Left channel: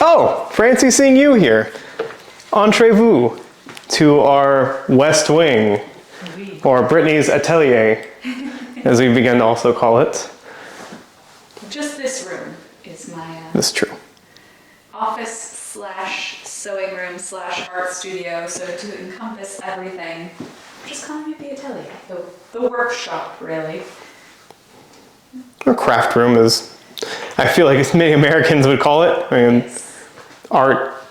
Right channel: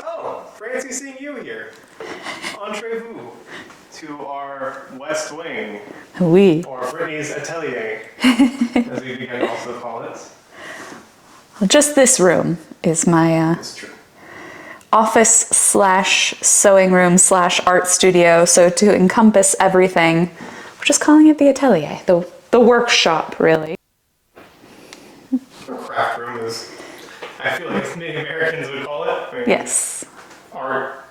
Oh, Francie, seeing you here. Entrez-vous to our West Wing, Oui. or Brittney's Atelier, as we begin to also call it. Just this room is my That's true. office slash sewing room slash art studio. So to encompass everything, we're just calling it the Atelier, the workshop, really. Or craft room, as I feel like as many Americans would call it. I mean, Yes. art,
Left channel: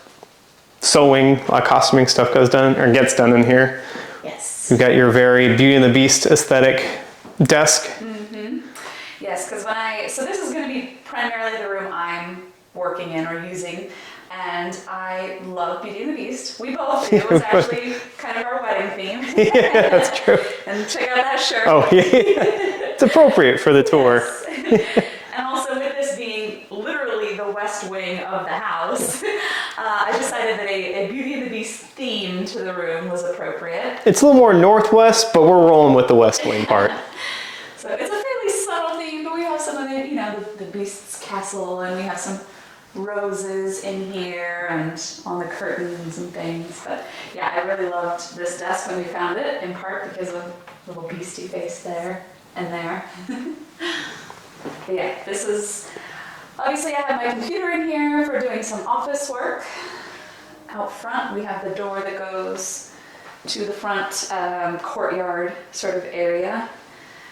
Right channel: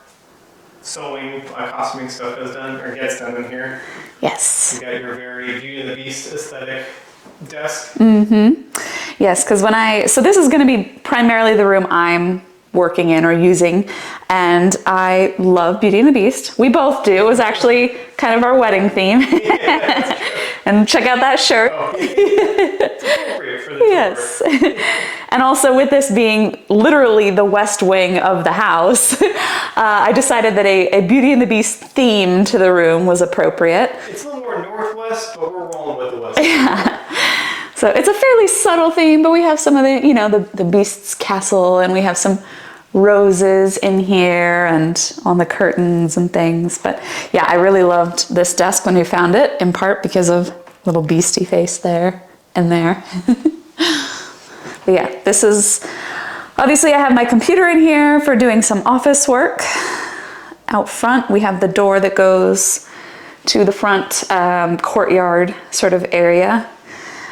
sewing, costuming stuff gets done in here. Yes. You've got your very Beauty and the Beast aesthetic desk. Mm-hmm. Yes, because so this is going to be primarily the room I'm working in or using, and I love Beauty and the Beast. We both do. It was actually kind of our wedding theme. Yeah, that's true. And check out that shirt. Oh, yeah. It's appropriate for the tour. Yes. And also with this being literally the West Wing of the house, I decided that a Beauty and the Beast theme to the room was appropriate. It's a little more northwest, but we're rolling with the West Wing part. So it's a fairly subtle theme, but we have some of the Beast's castle, and we have some roses in here and on the curtains and things. But yeah, I really loved this desk when we found it, in part because of little beastie face there and there. But yeah, this is, obviously I have my computer in here for doing some office work. Out front, we have the door that goes to the front courtyard sort of area.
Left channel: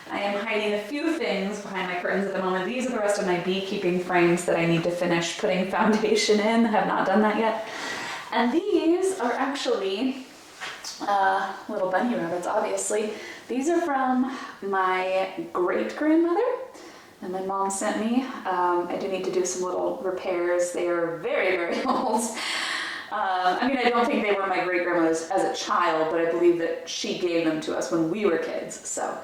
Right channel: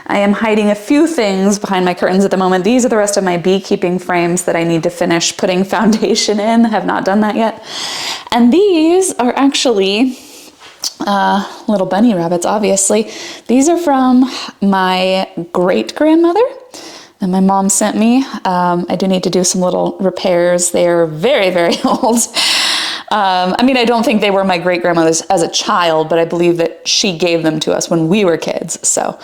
I am hiding a few things behind my curtains at the moment. These are the rest of my beekeeping frames that I need to finish putting foundation in. I have not done that yet. And these are actually little bunny rabbits, obviously. These are from my great-grandmother that my mom sent me. I do need to do some little repairs. They are very, very old. I mean, I don't think they were my great-grandmother's as a child, but I believe that she gave them to us when we were kids. So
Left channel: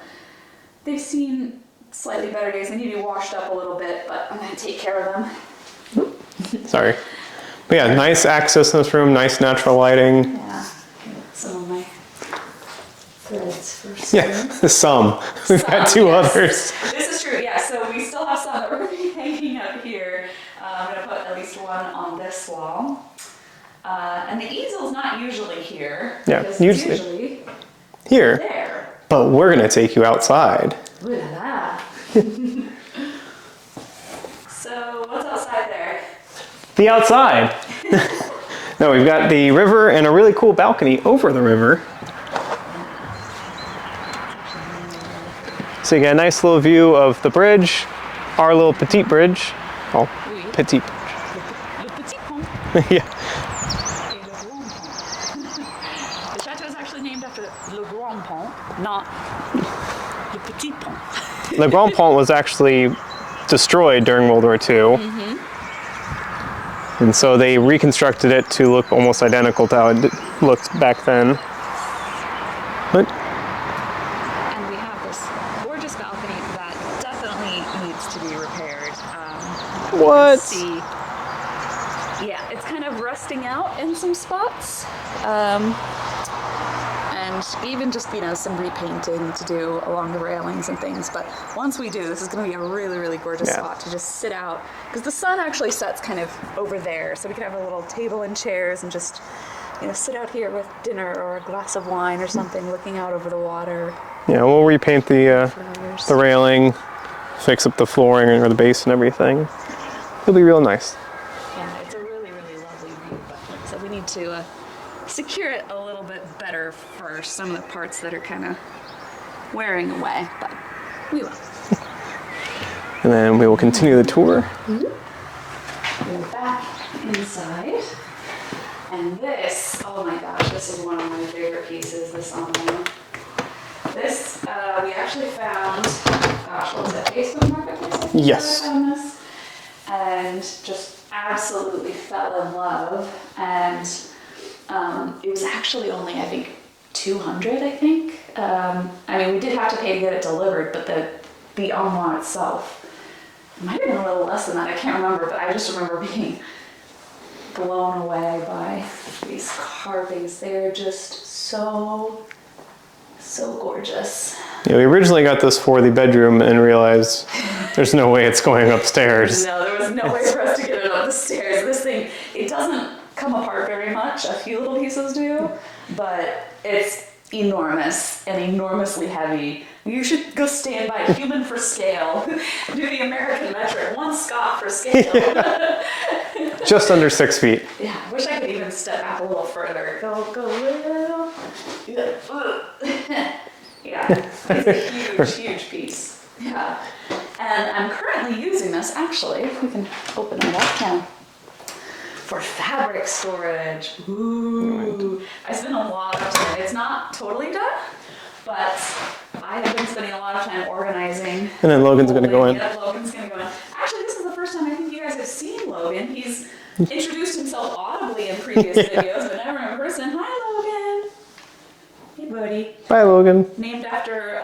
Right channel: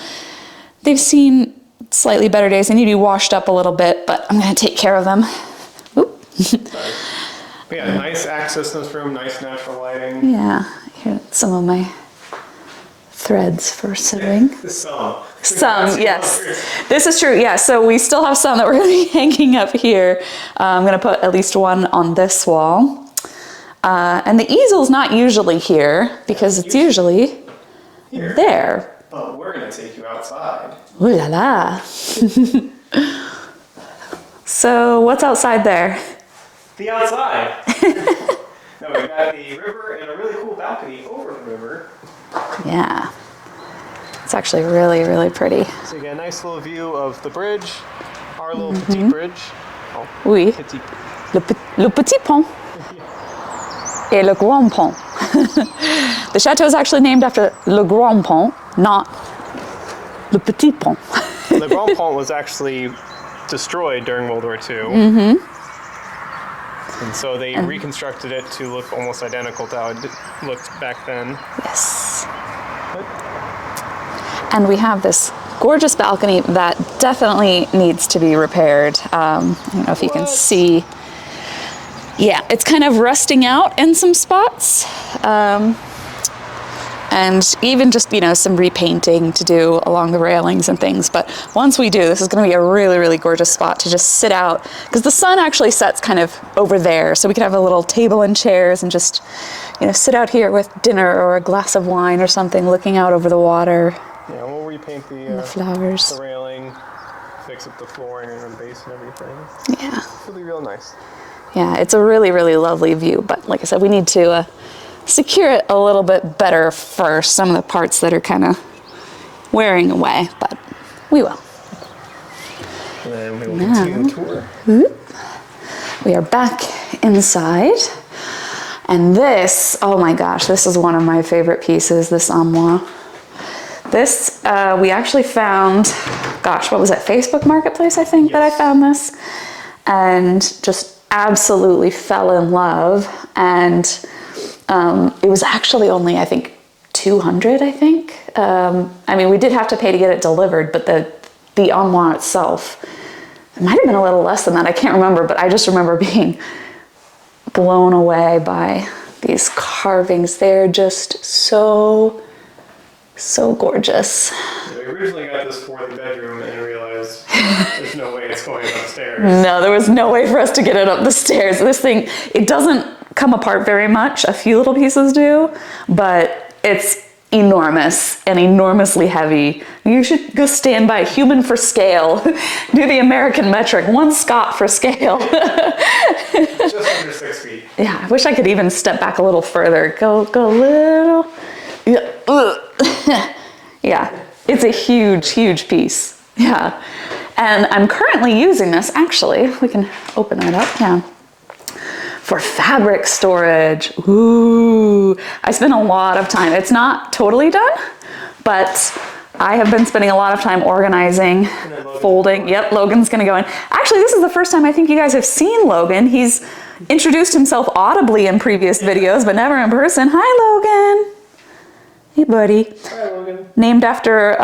they've seen slightly better days. They need to be washed up a little bit, but I'm going to take care of them. Sorry. But yeah, nice access in this room, nice natural lighting. Yeah, here, some of my threads for sewing. Yeah, some. We've got two others. This is true, yeah. So we still have some that we're going to be hanging up here. I'm going to put at least one on this wall. And the easel's not usually here, because it's usually here. There. But we're going to take you outside. Ooh la la. So what's outside there? The outside. No, we've got the river and a really cool balcony over the river. Yeah. It's actually really, really pretty. So you get a nice little view of the bridge, our little petite bridge. Oh, oui. Petite bridge. Le petit pont. Yeah. Et le grand pont. The chateau is actually named after Le Grand Pont, not Le Petit Pont. Le Grand Pont was actually destroyed during World War II. And so they reconstructed it to look almost identical to how it looked back then. Yes. But and we have this gorgeous balcony that definitely needs to be repaired. I don't know if you can see. Yeah, it's kind of rusting out in some spots. And even just, some repainting to do along the railings and things. But once we do, this is going to be a really, really gorgeous spot to just sit out. Because the sun actually sets kind of over there. So we could have a little table and chairs and just, sit out here with dinner or a glass of wine or something, looking out over the water. Yeah, we'll repaint the flowers, the railing, fix up the flooring or the base and everything. Yeah. It'll be real nice. Yeah, it's a really, really lovely view. But like I said, we need to secure it a little bit better first. Some of the parts that are kind of wearing away, but we will. And then we will continue the tour. We are back inside. And this, oh my gosh, this is one of my favorite pieces, this armoire. This, we actually found, what was it, Facebook Marketplace, I think, that I found this. And just absolutely fell in love. And it was actually only, I think, $200, I think. I mean, we did have to pay to get it delivered, but the armoire itself, it might have been a little less than that. I can't remember, but I just remember being blown away by these carvings. They're just so So gorgeous. Yeah, we originally got this for the bedroom and realized there's no way it's going upstairs. No, there was no way for us to get it up the stairs. This thing, it doesn't come apart very much. A few little pieces do, but it's enormous and enormously heavy. You should go stand by human for scale. Do the American metric, 1 Scott for scale. Just under 6 feet. Yeah, I wish I could even step back a little further. Go a little. Yeah. Yeah, it's a huge piece. Yeah. And I'm currently using this, actually, we can open that up, yeah, for fabric storage. Ooh, I spent a lot of time. It's not totally done, but I have been spending a lot of time organizing, and then Logan's folding. Gonna go in. Yep, Logan's gonna go in. Actually, this is the first time I think you guys have seen Logan. He's introduced himself audibly in previous videos, but never in person. Hi, Logan. Hey, buddy. Hi, Logan. Named after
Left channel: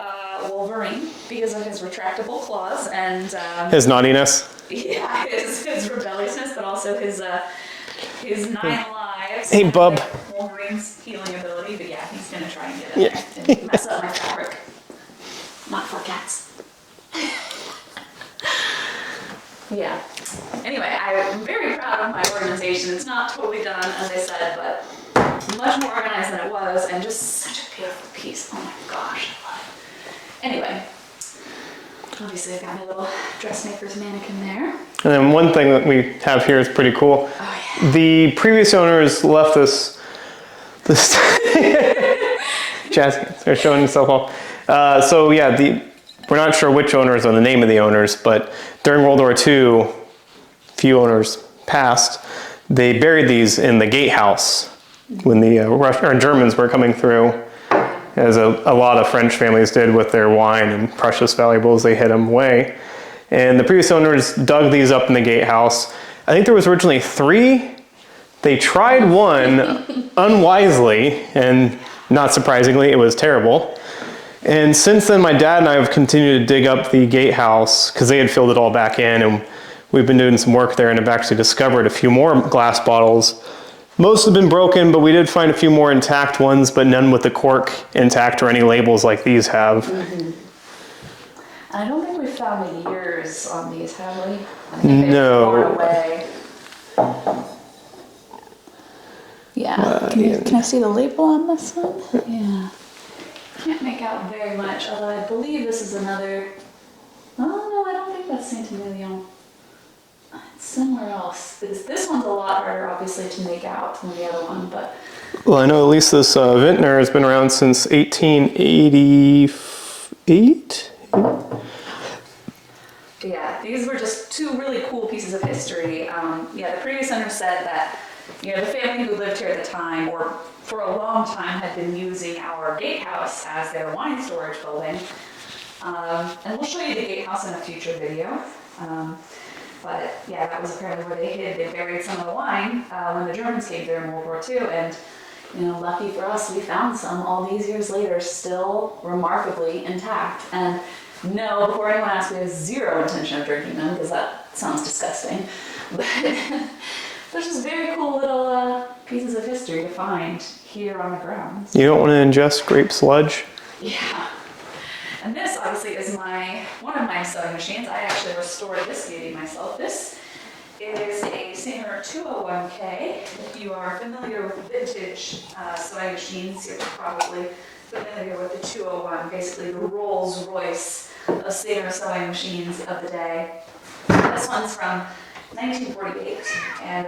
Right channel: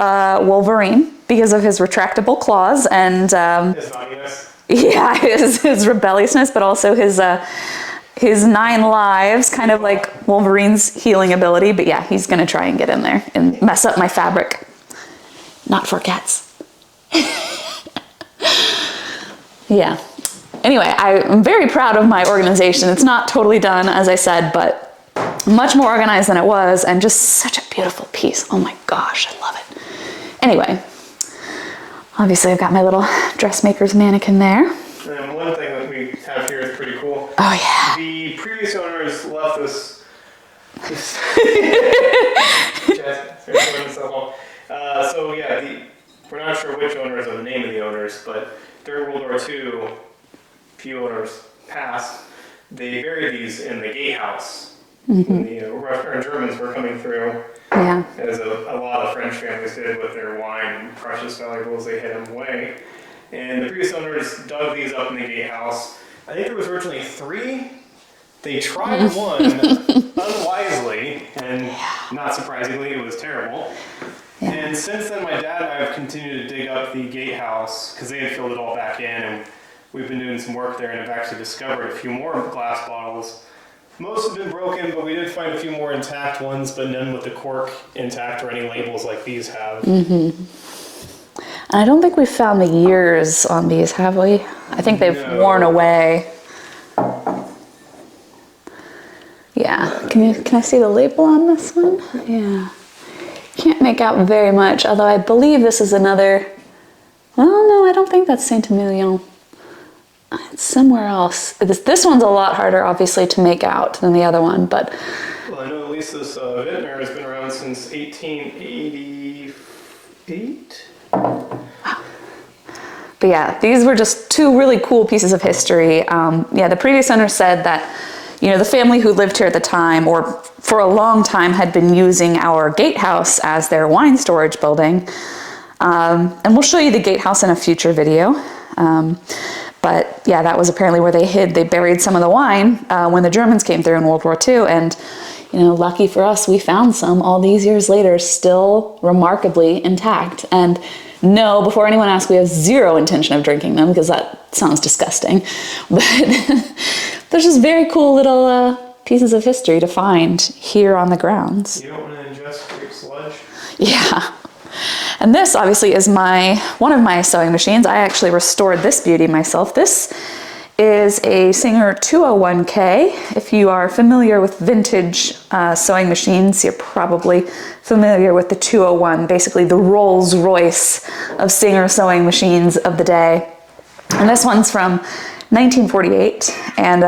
Wolverine because of his retractable claws and his naughtiness. yeah, his rebelliousness, but also his 9 lives, kind of bub. like Wolverine's healing ability. But yeah, he's gonna try and get in there and mess up my fabric. Not for cats. Yeah. Anyway, I'm very proud of my organization. It's not totally done, as I said, but much more organized than it was, and just such a beautiful piece. Oh my gosh, I love it. Anyway, obviously I've got my little dressmaker's mannequin there. And then one thing that we have here is pretty cool. Oh yeah. The previous owners left this Jazz, they're showing himself off. So yeah, we're not sure which owners or the name of the owners, but during World War II, few owners passed, they buried these in the gatehouse when the Germans were coming through. Yeah. As a lot of French families did with their wine and precious valuables, they hid them away. And the previous owners dug these up in the gatehouse. I think there was originally 3. They tried one unwisely, and not surprisingly, it was terrible. And since then, my dad and I have continued to dig up the gatehouse because they had filled it all back in, and we've been doing some work there and have actually discovered a few more glass bottles. Most have been broken, but we did find a few more intact ones, but none with the cork intact or any labels like these have. And I don't think we've found the years on these, have we? I think they've worn away. Yeah. Can I see the label on this one? Yeah. Can't make out very much, although I believe this is another. Well, no, I don't think that's Saint-Emilion. It's somewhere else. This one's a lot harder, obviously, to make out than the other one, but. Well, I know at least this Vintner has been around since 1888. But yeah, these were just 2 really cool pieces of history. Yeah, the previous owner said that, you know, the family who lived here at the time, or for a long time, had been using our gatehouse as their wine storage building. And we'll show you the gatehouse in a future video. But yeah, that was apparently where they buried some of the wine when the Germans came through in World War II. And, you know, lucky for us, we found some all these years later, still remarkably intact. And no, before anyone asks, we have 0 intention of drinking them because that sounds disgusting. But they're just very cool little pieces of history to find here on the grounds. You don't want to ingest grape sludge? Yeah. And this obviously is one of my sewing machines. I actually restored this beauty myself. This is a Singer 201K. If you are familiar with vintage sewing machines, you're probably familiar with the 201, basically the Rolls Royce of Singer sewing machines of the day. And this one's from 1948. And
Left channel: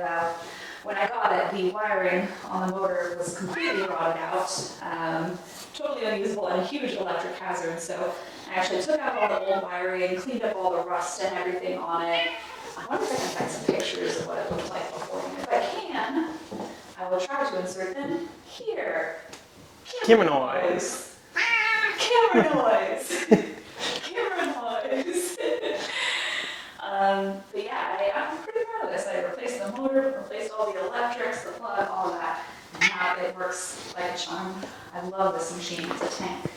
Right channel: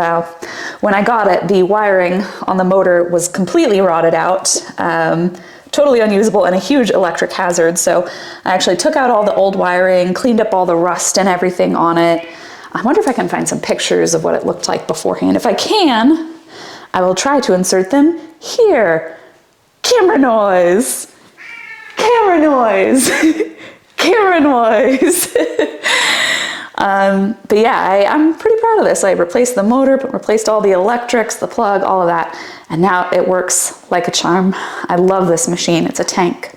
when I got it, the wiring on the motor was completely rotted out. Totally unusable and a huge electric hazard. So I actually took out all the old wiring, cleaned up all the rust and everything on it. I wonder if I can find some pictures of what it looked like beforehand. If I can, I will try to insert them here. Camera noise. Camera noise. Camera noise. But yeah, I'm pretty proud of this. I replaced the motor, replaced all the electrics, the plug, all of that. And now it works like a charm. I love this machine. It's a tank.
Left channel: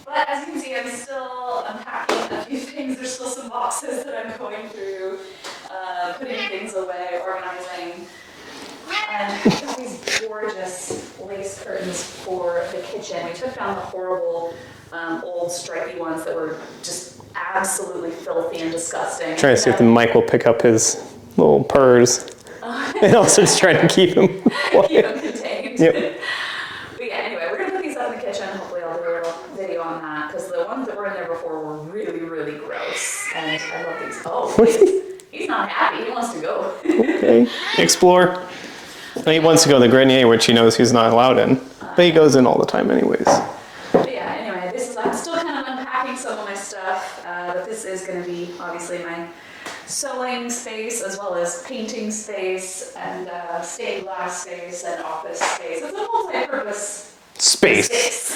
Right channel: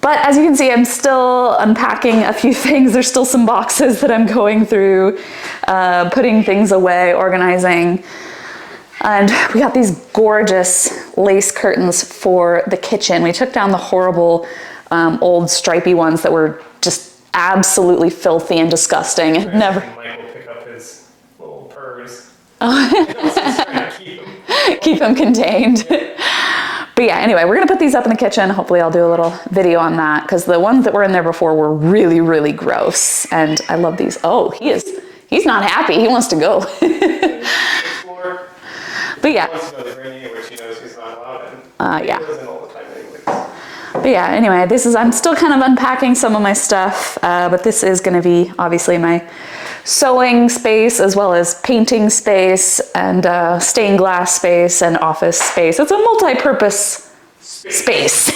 But as you can see, I'm still unpacking a few things. There's still some boxes that I'm going through, putting things away, organizing. And we got these gorgeous lace curtains for the kitchen. We took down the horrible old stripy ones that were just absolutely filthy and disgusting. Trying to see if Mike will pick up his little purrs. And also just trying to keep him quiet. Keep them contained. Yep. But yeah, anyway, we're gonna put these up in the kitchen. Hopefully I'll do a little video on that because the ones that were in there before were really, really gross. And I love these. Oh, he's not happy. He wants to go. Okay. Explore. But he wants to go to the grenier, which he knows he's not allowed in. But he goes in all the time anyways. But yeah, anyway, I'm still kind of unpacking some of my stuff, but this is gonna be obviously my sewing space as well as painting space and stained glass space and office space. It's a multi-purpose space.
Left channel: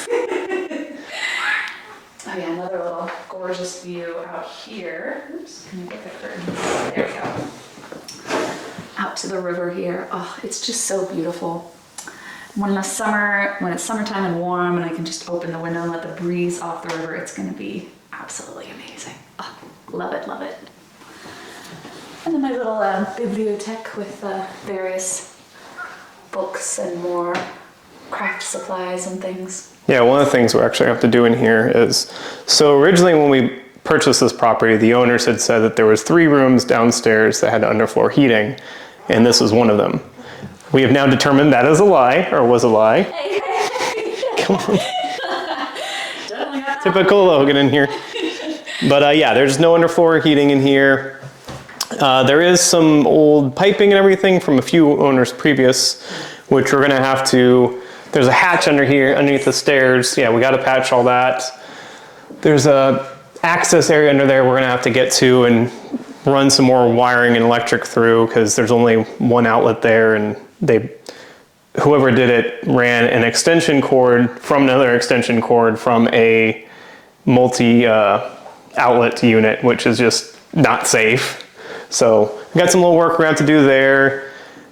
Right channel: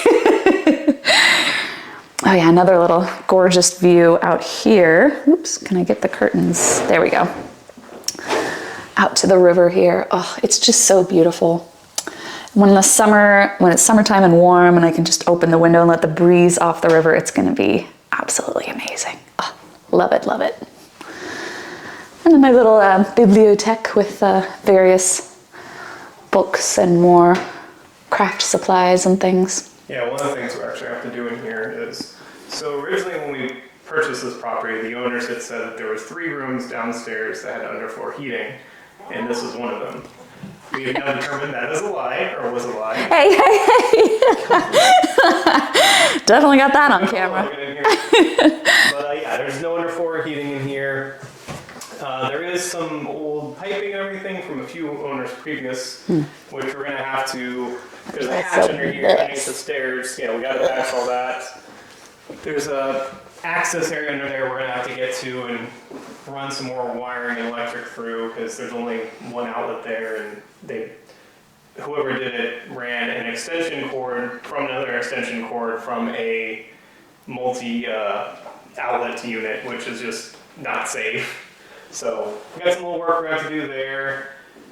Oh yeah, another little gorgeous view out here. Oops, can I get the curtains? There we go. Out to the river here. Oh, it's just so beautiful. When it's summertime and warm and I can just open the window and let the breeze off the river, it's gonna be absolutely amazing. Oh, love it, love it. And then my little bibliothèque with various books and more craft supplies and things. Yeah, one of the things we actually have to do in here is, so originally when we purchased this property, the owners had said that there was 3 rooms downstairs that had underfloor heating, and this was one of them. We have now determined that is a lie, or was a lie. Hey. Definitely got that Typical on Logan in here. But yeah, there's no underfloor heating in here. There is some old piping and everything from a few owners previous, which we're gonna have to, there's a hatch under here, underneath the stairs. Yeah, we gotta patch all that. There's a access area under there we're gonna have to get to and run some more wiring and electric through because there's only one outlet there, and whoever did it ran an extension cord from another extension cord from a multi outlet unit, which is just not safe. So we got some little work we're going to have to do there.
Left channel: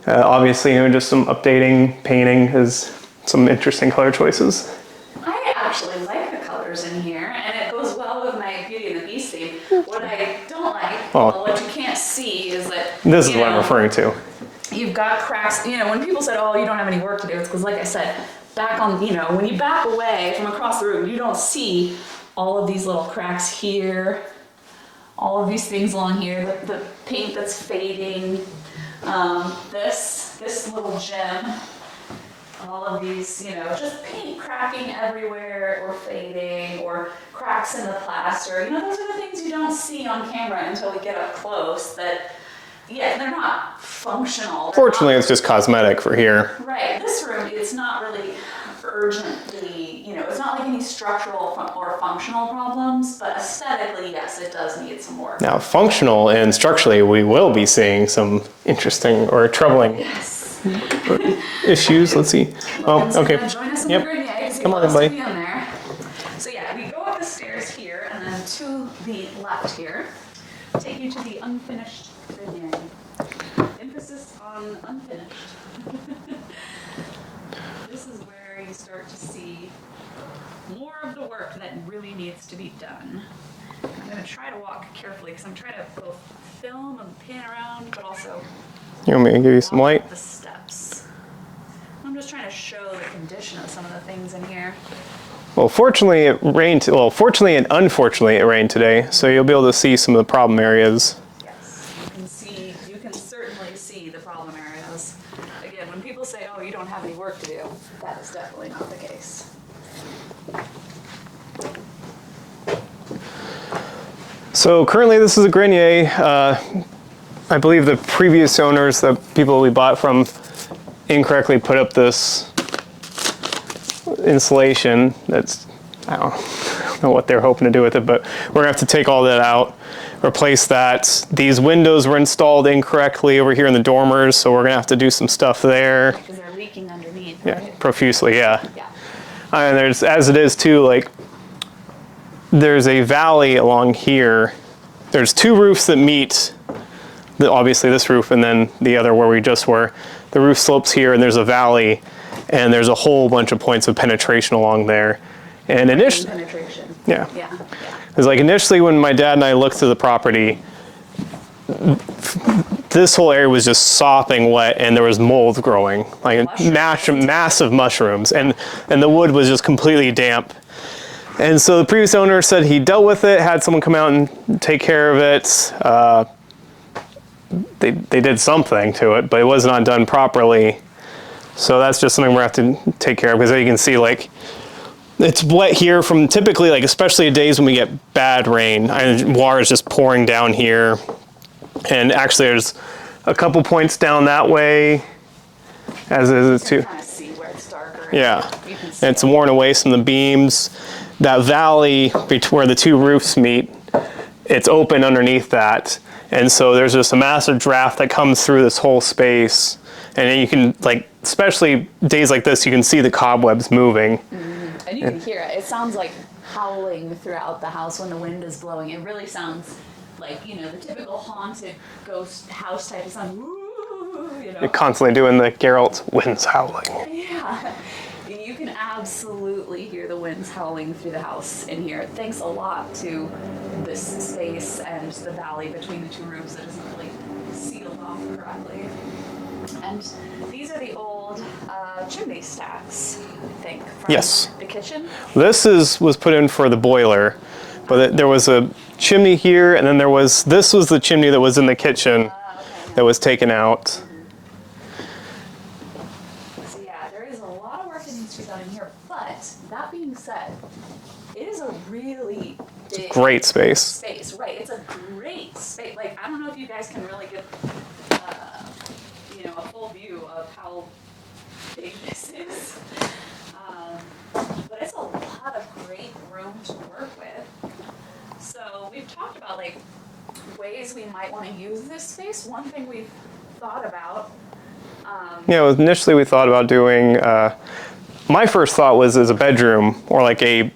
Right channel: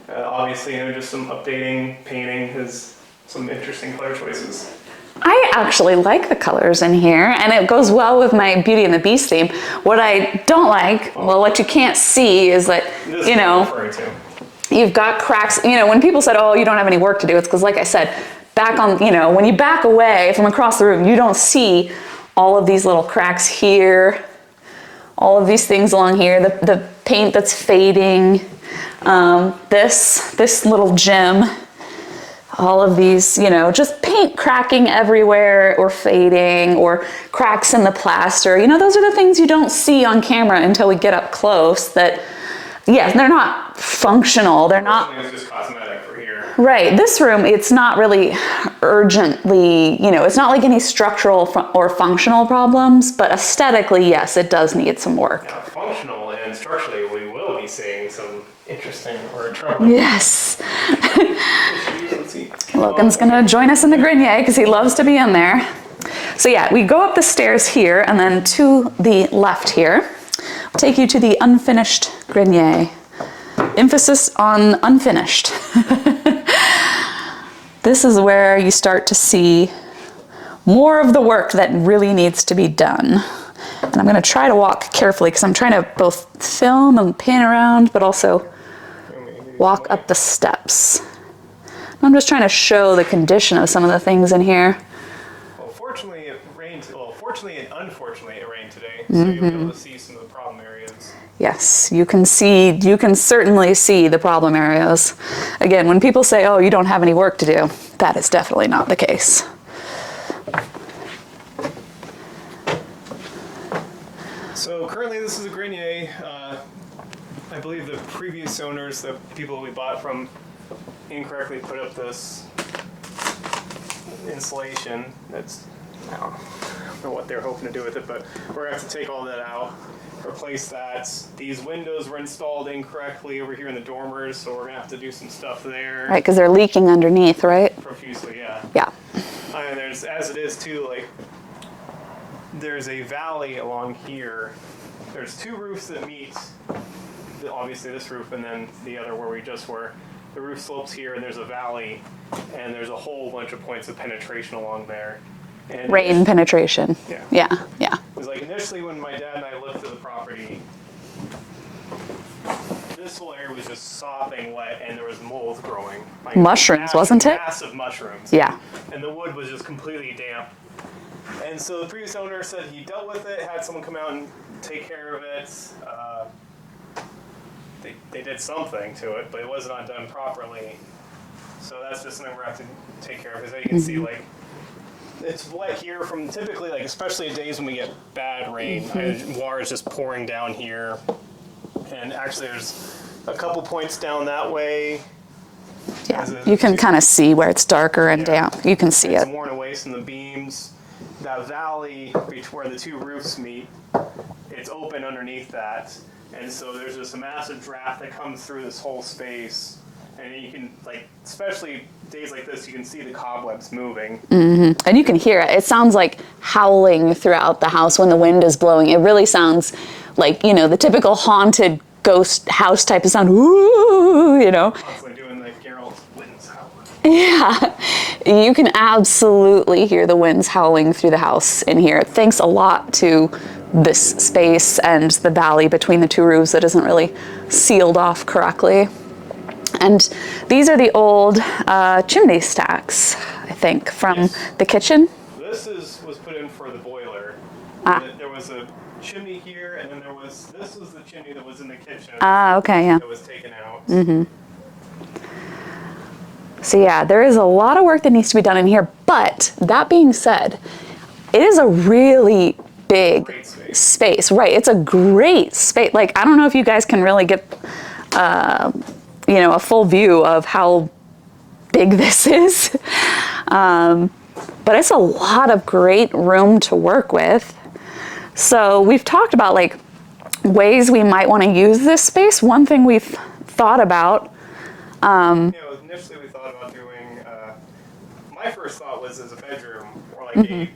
Obviously, just some updating, painting is some interesting color choices. I actually like the colors in here, and it goes well with my Beauty and the Beast theme. What I don't like, well, what you can't see is that, this is what I'm referring to. You've got cracks. When people said, oh, you don't have any work to do, it's because, like I said, back on, when you back away from across the room, you don't see all of these little cracks here, all of these things along here, the paint that's fading, this little gem, all of these, just paint cracking everywhere or fading or cracks in the plaster. Those are the things you don't see on camera until we get up close that, yes, they're not functional. Fortunately, it's just cosmetic for here. Right. This room, it's not really urgently, it's not like any structural or functional problems, but aesthetically, yes, it does need some work. Now, functional and structurally, we will be seeing some interesting or troubling issues. Let's see. Logan's going to join us in the grenier because he loves to be in there. So yeah, we go up the stairs here and then to the left here. I'll take you to the unfinished grenier. Emphasis on unfinished. This is where you start to see more of the work that really needs to be done. And I'm going to try to walk carefully because I'm trying to both film and pan around, but also walk up the steps. I'm just trying to show the condition of some of the things in here. Well, fortunately it rained. Well, fortunately and unfortunately it rained today, so you'll be able to see some of the problem areas. Yes, you can certainly see the problem areas. Again, when people say, oh, you don't have any work to do, that is definitely not the case. So currently this is a grenier. I believe the previous owners, the people we bought from, incorrectly put up this insulation that's, I don't know what they're hoping to do with it, but we're gonna have to take all that out, replace that. These windows were installed incorrectly over here in the dormers, so we're gonna have to do some stuff there. Right, because they're leaking underneath, right? Profusely, yeah. Yeah. And there's, as it is too, like, there's a valley along here. There's 2 roofs that meet, obviously this roof and then the other where we just were. The roof slopes here and there's a valley, and there's a whole bunch of points of penetration along there. And rain penetration. Yeah. Yeah, yeah. Because like initially when my dad and I looked at the property, this whole area was just sopping wet, and there was mold growing, like Mushrooms, wasn't it? massive mushrooms, Yeah. and the wood was just completely damp. And so the previous owner said he dealt with it, had someone come out and take care of it. They did something to it, but it was not done properly. So that's just something we're gonna have to take care of, because you can see like it's wet here from typically, like especially days when we get bad rain. Water is just pouring down here, and actually there's a couple points down that way. As You is can too. kind of see where it's darker and damp. You can see It's it. worn away from the beams. That valley where the two roofs meet, it's open underneath that. And so there's just a massive draft that comes through this whole space. And then you can, like, especially days like this, you can see the cobwebs moving. And you can hear it. It sounds like howling throughout the house when the wind is blowing. It really sounds like, you know, the typical haunted ghost house type of sound. Ooh, you know. Constantly doing the Geralt winds howling. Yeah. You can absolutely hear the winds howling through the house in here. Thanks a lot to this space and the valley between the two roofs that isn't really sealed off correctly. And these are the old chimney stacks, I think, from Yes. the kitchen. This was put in for the boiler. But there was a chimney here, and then this was the chimney that was in the kitchen Okay, yeah. that was taken out. So yeah, there is a lot of work that needs to be done in here. But that being said, it is a really big Great space. space. Right, it's a great space. Like, I don't know if you guys can really get, you know, a full view of how big this is. But it's a lot of great room to work with. So we've talked about like ways we might want to use this space. One thing we've thought about. Initially we thought about doing, my first thought was as a bedroom or like a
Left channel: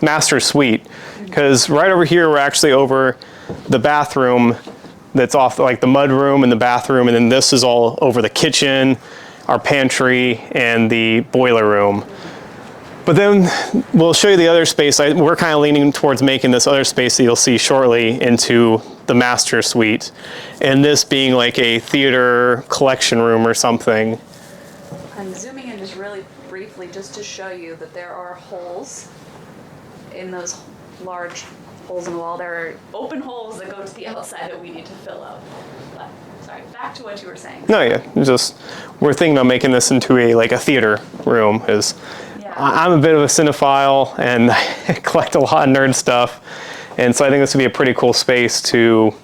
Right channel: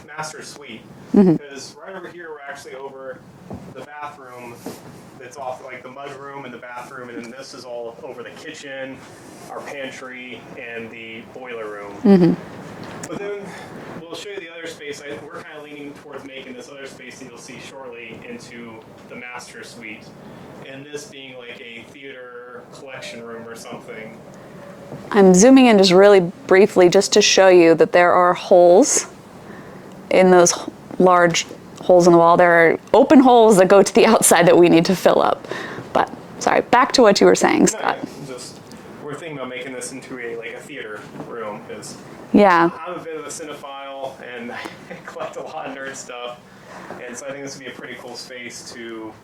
master suite. Because right over here, we're actually over the bathroom that's off, like the mud room and the bathroom. And then this is all over the kitchen, our pantry, and the boiler room. But then we'll show you the other space. We're kind of leaning towards making this other space that you'll see shortly into the master suite. And this being like a theater collection room or something. I'm zooming in just really briefly just to show you that there are holes in those large holes in the wall. There are open holes that go to the outside that we need to fill up. But sorry, back to what you were saying, Scott. No, yeah, we're thinking about making this into a theater room. I'm a bit of a cinephile and I collect a lot of nerd stuff, and so I think this would be a pretty cool space to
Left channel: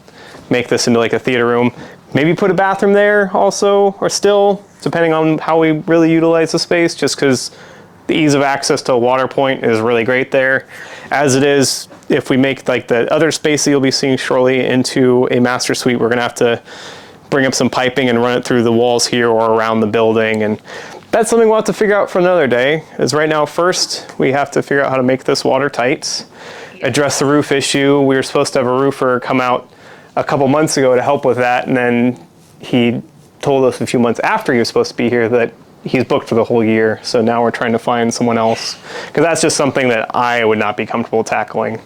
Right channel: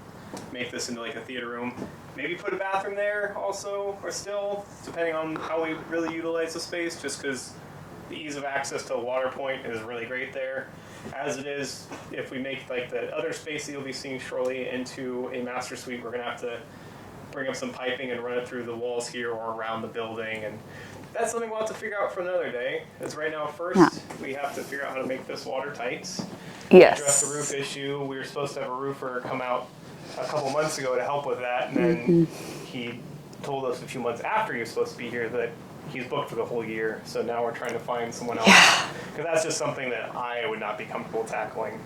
make this into like a theater room. Maybe put a bathroom there also, or still, depending on how we really utilize the space, just because the ease of access to a water point is really great there. As it is, if we make like the other space that you'll be seeing shortly into a master suite, we're gonna have to bring up some piping and run it through the walls here or around the building. And that's something we'll have to figure out for another day, is right now first we have to figure out how to make this watertight, address the roof issue. We were supposed to have a roofer come out a couple months ago to help with that, and then he told us a few months after he was supposed to be here that he's booked for the whole year. So now we're trying to find someone else, because that's just something that I would not be comfortable tackling.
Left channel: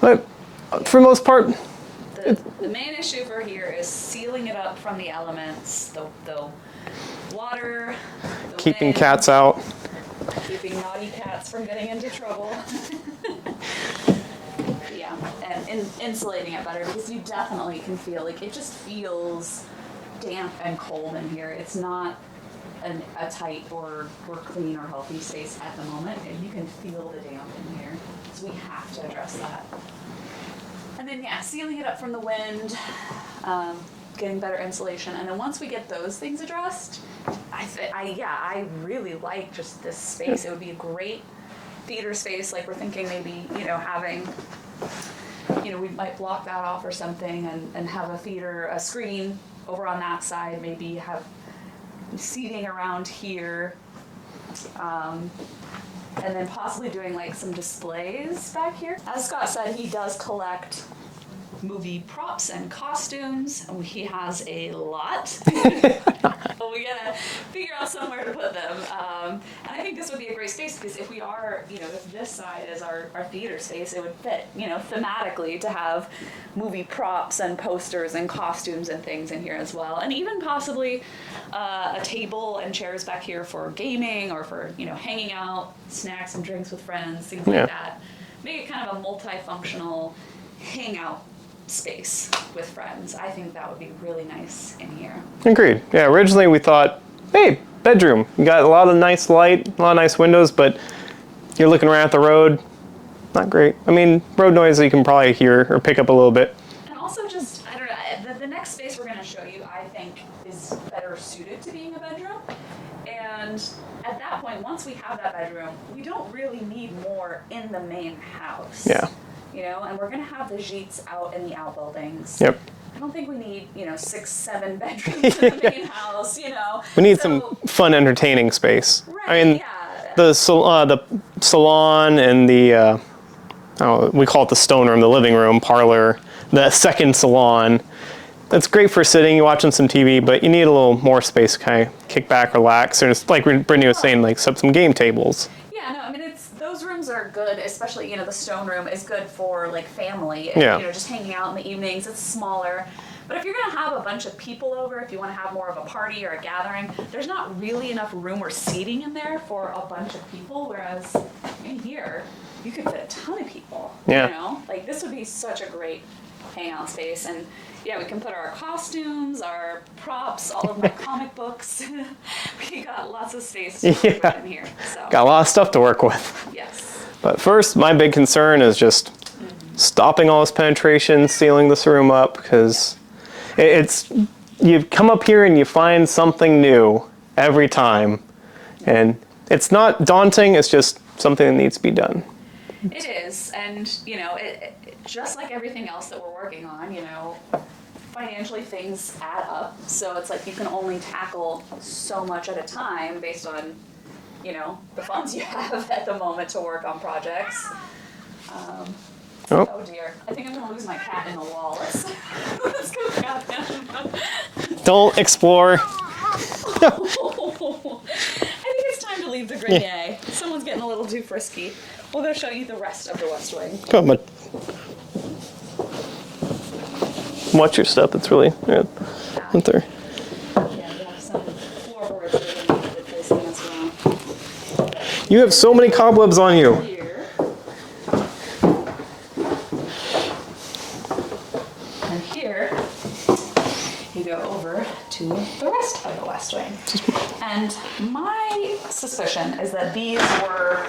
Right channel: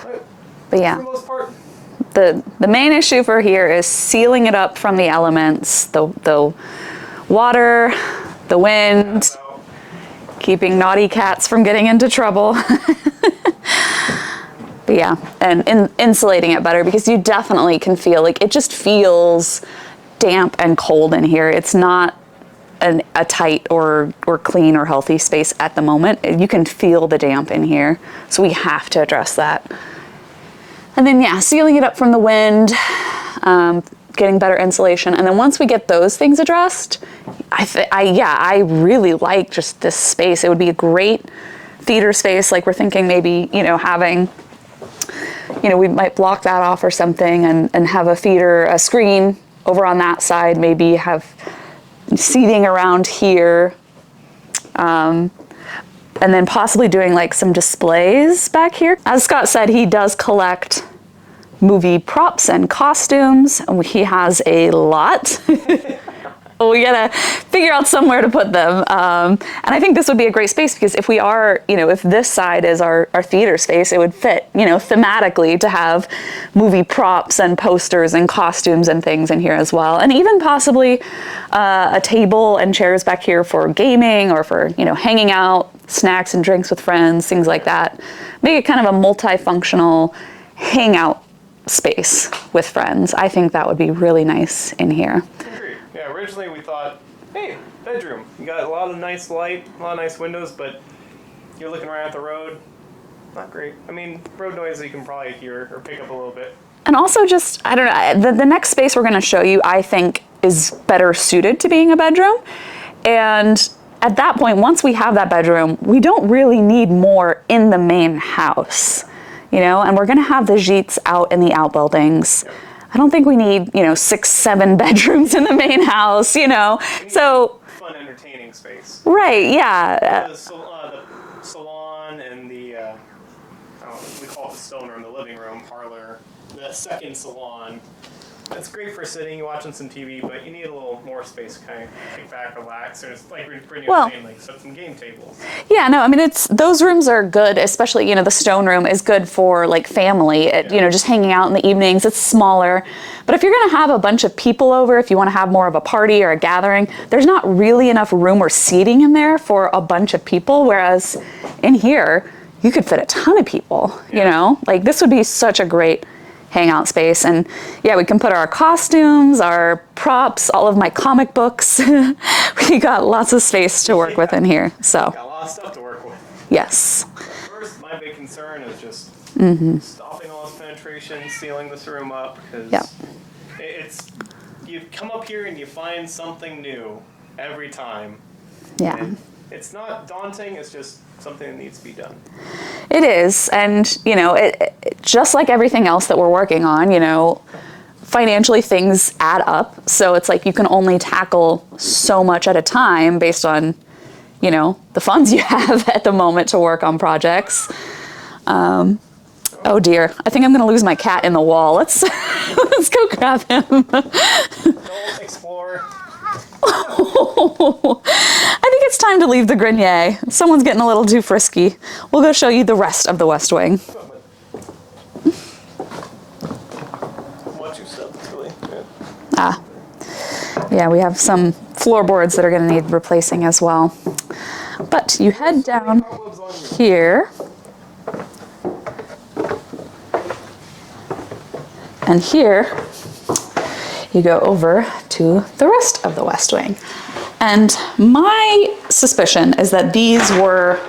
But yeah. for the most part, The main issue for here is sealing it up from the elements, the water, the wind. keeping cats out. Keeping naughty cats from getting into trouble. But yeah, and insulating it better, because you definitely can feel like it just feels damp and cold in here. It's not a tight or clean or healthy space at the moment. You can feel the damp in here, so we have to address that. And then yeah, sealing it up from the wind, getting better insulation, and then once we get those things addressed, I really like just this space. It would be a great theater space. Like we're thinking maybe having, we might block that off or something, and have a screen over on that side. Maybe have seating around here, and then possibly doing like some displays back here. As Scott said, he does collect movie props and costumes. He has a lot. we gotta figure out somewhere to put them. And I think this would be a great space because if we are, if this side is our theater space, it would fit, thematically to have movie props and posters and costumes and things in here as well. And even possibly a table and chairs back here for gaming or for, hanging out, snacks and drinks with friends, things like that. Make it kind of a multifunctional hangout space with friends. I think that would be really nice in here. Agreed. Yeah, originally we thought, hey, bedroom. You got a lot of nice light, a lot of nice windows, but you're looking right at the road. Not great. I mean, road noise you can probably hear or pick up a little bit. And also just, I don't know, the next space we're going to show you, I think, is better suited to being a bedroom. And at that point, once we have that bedroom, we don't really need more in the main house. Yeah. And we're going to have the gîtes out in the outbuildings. Yep. I don't think we need, 6, 7 bedrooms in the main house, We need some fun, entertaining space. Right, yeah. The salon and the, we call it the stone room, the living room, parlor, the second salon. It's great for sitting, watching some TV, but you need a little more space to kind of kick back, relax. And it's like Brittney was saying, like set some game tables. Yeah, no, I mean, those rooms are good, especially, the stone room is good for like family, just hanging out in the evenings. It's smaller. But if you're going to have a bunch of people over, if you want to have more of a party or a gathering, there's not really enough room or seating in there for a bunch of people. Whereas in here, you could fit a ton of people, Like this would be such a great hangout space. And yeah, we can put our costumes, our props, all of my comic books. We got lots of space to work with in here. So got a lot of stuff to work with. Yes. But first, my big concern is just stopping all this penetration, sealing this room up, because it's you come up here and you find something new every time. Yeah. And it's not daunting, it's just something that needs to be done. It is, and it just like everything else that we're working on, financially things add up. So it's like you can only tackle so much at a time based on, the funds you have at the moment to work on projects. Oh dear, I think I'm gonna lose my cat in the wall. Let's go grab him. Don't explore. I think it's time to leave the grenier. Someone's getting a little too frisky. We'll go show you the rest of the West Wing. Come on. Watch your stuff. It's really there. Yeah, we have some floorboards that are going to need replacing as well. But you have so many cobwebs on you. Here. And here you go over to the rest of the West Wing. And my suspicion is that these were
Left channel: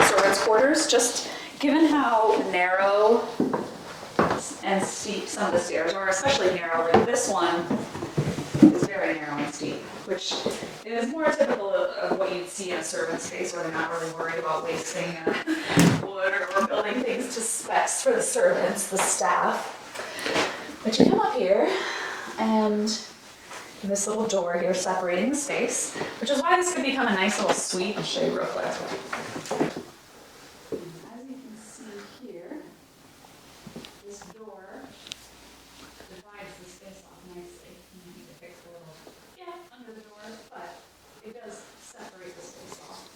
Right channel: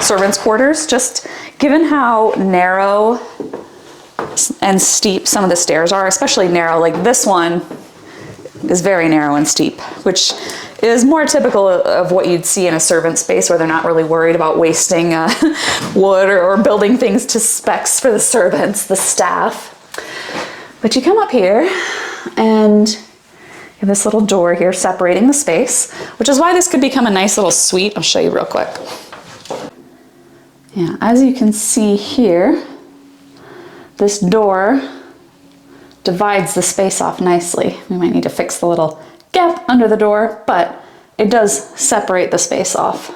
servants' quarters, just given how narrow and steep some of the stairs are, especially narrow, like this one is very narrow and steep, which is more typical of what you'd see in a servant space where they're not really worried about wasting wood or building things to specs for the servants, the staff. But you come up here and you have this little door here separating the space, which is why this could become a nice little suite. I'll show you real quick. Yeah, as you can see here, this door divides the space off nicely. We might need to fix the little gap under the door, but it does separate the space off.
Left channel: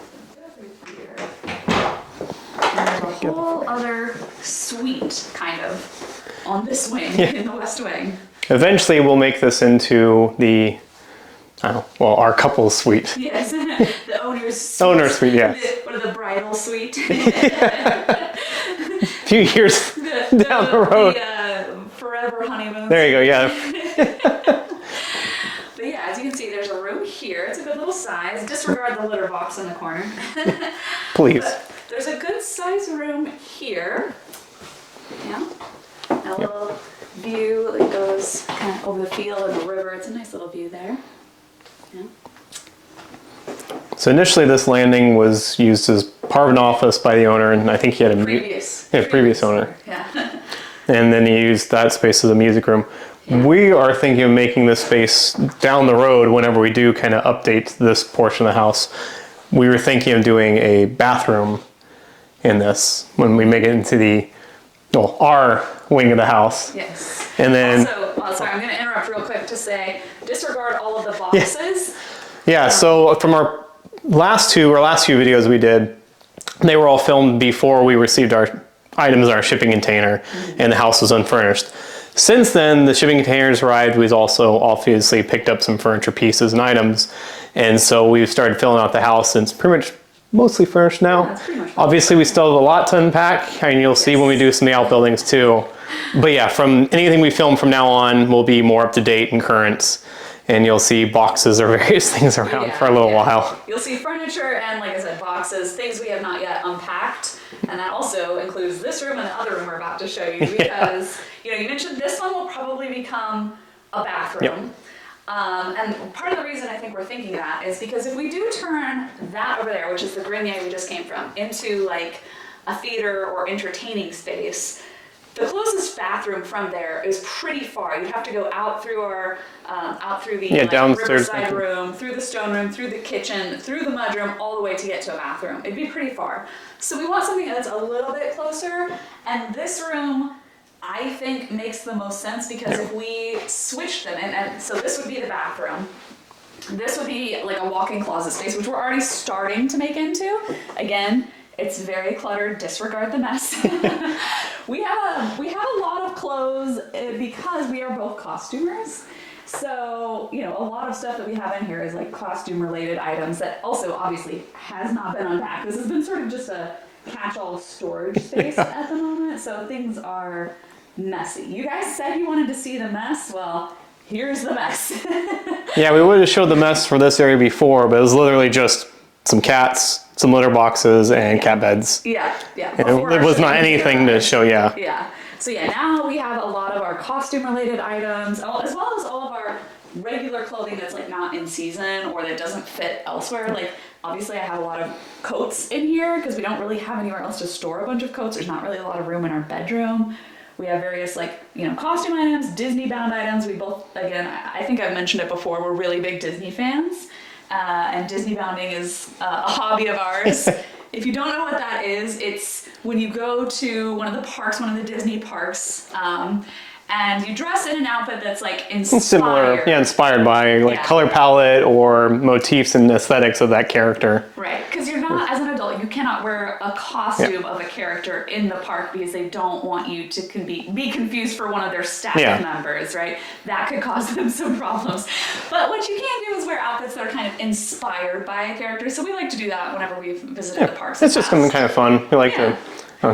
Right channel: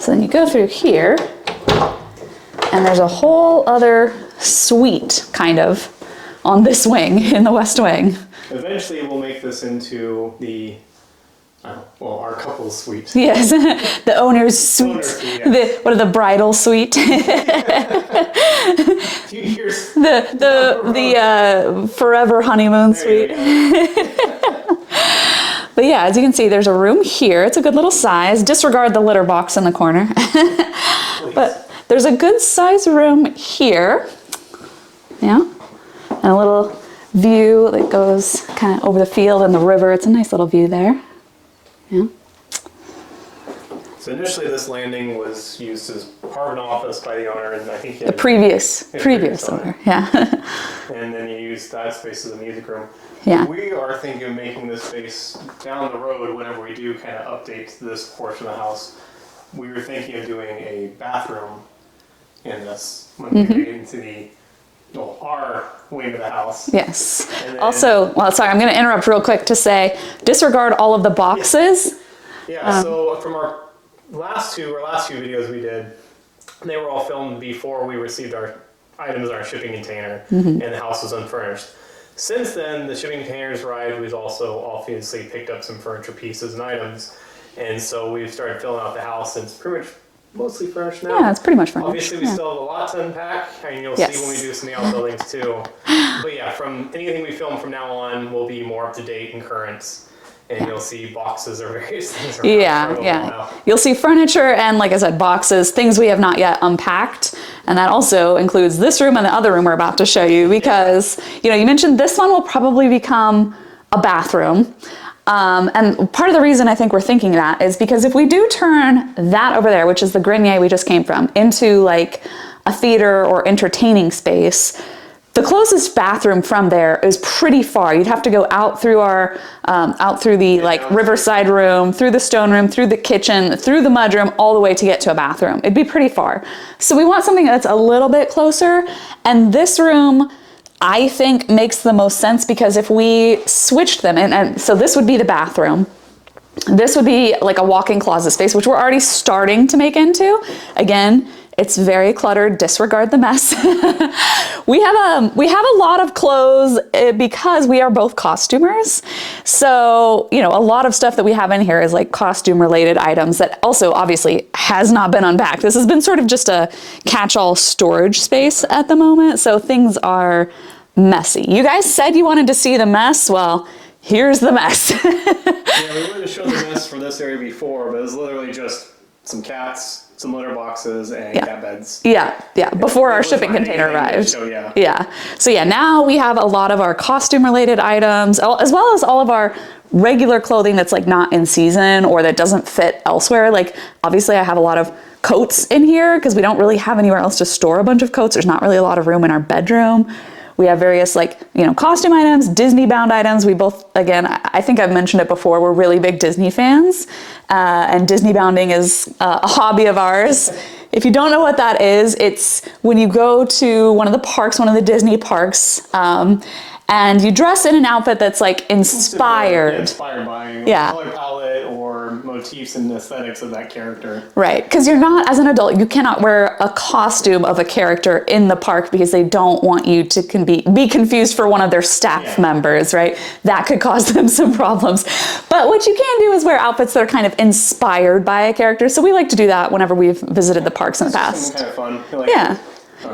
So then you go through here, and there's a whole other suite, kind of, on this wing, in the West Wing. Eventually we'll make this into the, our couple's suite. Yes, the owner's suite. Owner's suite, yeah. The bridal suite. A few years down the road. The forever honeymoon suite. There you go, yeah. But yeah, as you can see, there's a room here. It's a good little size. Disregard the litter box in the corner. Please. But there's a good size room here. Yeah. And a little view that goes kind of over the field and the river. It's a nice little view there. Yeah. So initially this landing was used as part of an office by the owner, and I think he had previous owner. Yeah. And then he used that space as a music room. Yeah. We are thinking of making this space down the road whenever we do kind of update this portion of the house. We were thinking of doing a bathroom in this when we make it into the well, our wing of the house. Yes. And then also, well, sorry, I'm going to interrupt real quick to say, disregard all of the boxes. Yeah. So from our last few videos we did, they were all filmed before we received our items in our shipping container and the house was unfurnished. Since then, the shipping containers arrived. We've also obviously picked up some furniture pieces and items. And so we've started filling out the house, and it's pretty much mostly furnished now. Yeah, it's pretty much furnished. Obviously, we still have a lot to unpack, and you'll see when we do some of the outbuildings too. But yeah, from anything we film from now on will be more up to date and current. And you'll see boxes or various things around for a little while. You'll see furniture and, like I said, boxes, things we have not yet unpacked. And that also includes this room and the other room we're about to show you because, you know, you mentioned this one will probably become a bathroom. And part of the reason I think we're thinking that is because if we do turn that over there, which is the grenier we just came from, into like a theater or entertaining space, the closest bathroom from there is pretty far. You'd have to go out through our, downstairs. Riverside room, through the stone room, through the kitchen, through the mudroom, all the way to get to a bathroom. It'd be pretty far. So we want something that's a little bit closer. And this room, I think, makes the most sense because if we switched them, and so this would be the bathroom. This would be like a walk-in closet space, which we're already starting to make into. Again, it's very cluttered. Disregard the mess. We have a lot of clothes because we are both costumers. So, you know, a lot of stuff that we have in here is like costume related items that also obviously has not been unpacked. This has been sort of just a catch-all storage space at the moment. So things are messy. You guys said you wanted to see the mess. Well, here's the mess. Yeah, we would have showed the mess for this area before, but it was literally just some cats, some litter boxes, and cat beds. Yeah. Before our shipping container arrived. It was not anything to show, Yeah. So yeah, now we have a lot of our costume-related items, as well as all of our regular clothing that's like not in season or that doesn't fit elsewhere. Like obviously I have a lot of coats in here because we don't really have anywhere else to store a bunch of coats. There's not really a lot of room in our bedroom. We have various costume items, Disney bound items. We both, again, I think I've mentioned it before, we're really big Disney fans. And Disney bounding is a hobby of ours. If you don't know what that is, it's when you go to one of the parks, one of the Disney parks, and you dress in an outfit that's like inspired. Similar. Yeah, inspired by color palette or motifs and aesthetics of that character. Right, because you're not, as an adult, you cannot wear a costume of a character in the park because they don't want you to be confused for one of their staff members, right? That could cause them some problems. But what you can do is wear outfits that are kind of inspired by a character. So we like to do that whenever we've visited the parks in the past. It's just something kind of fun. We like to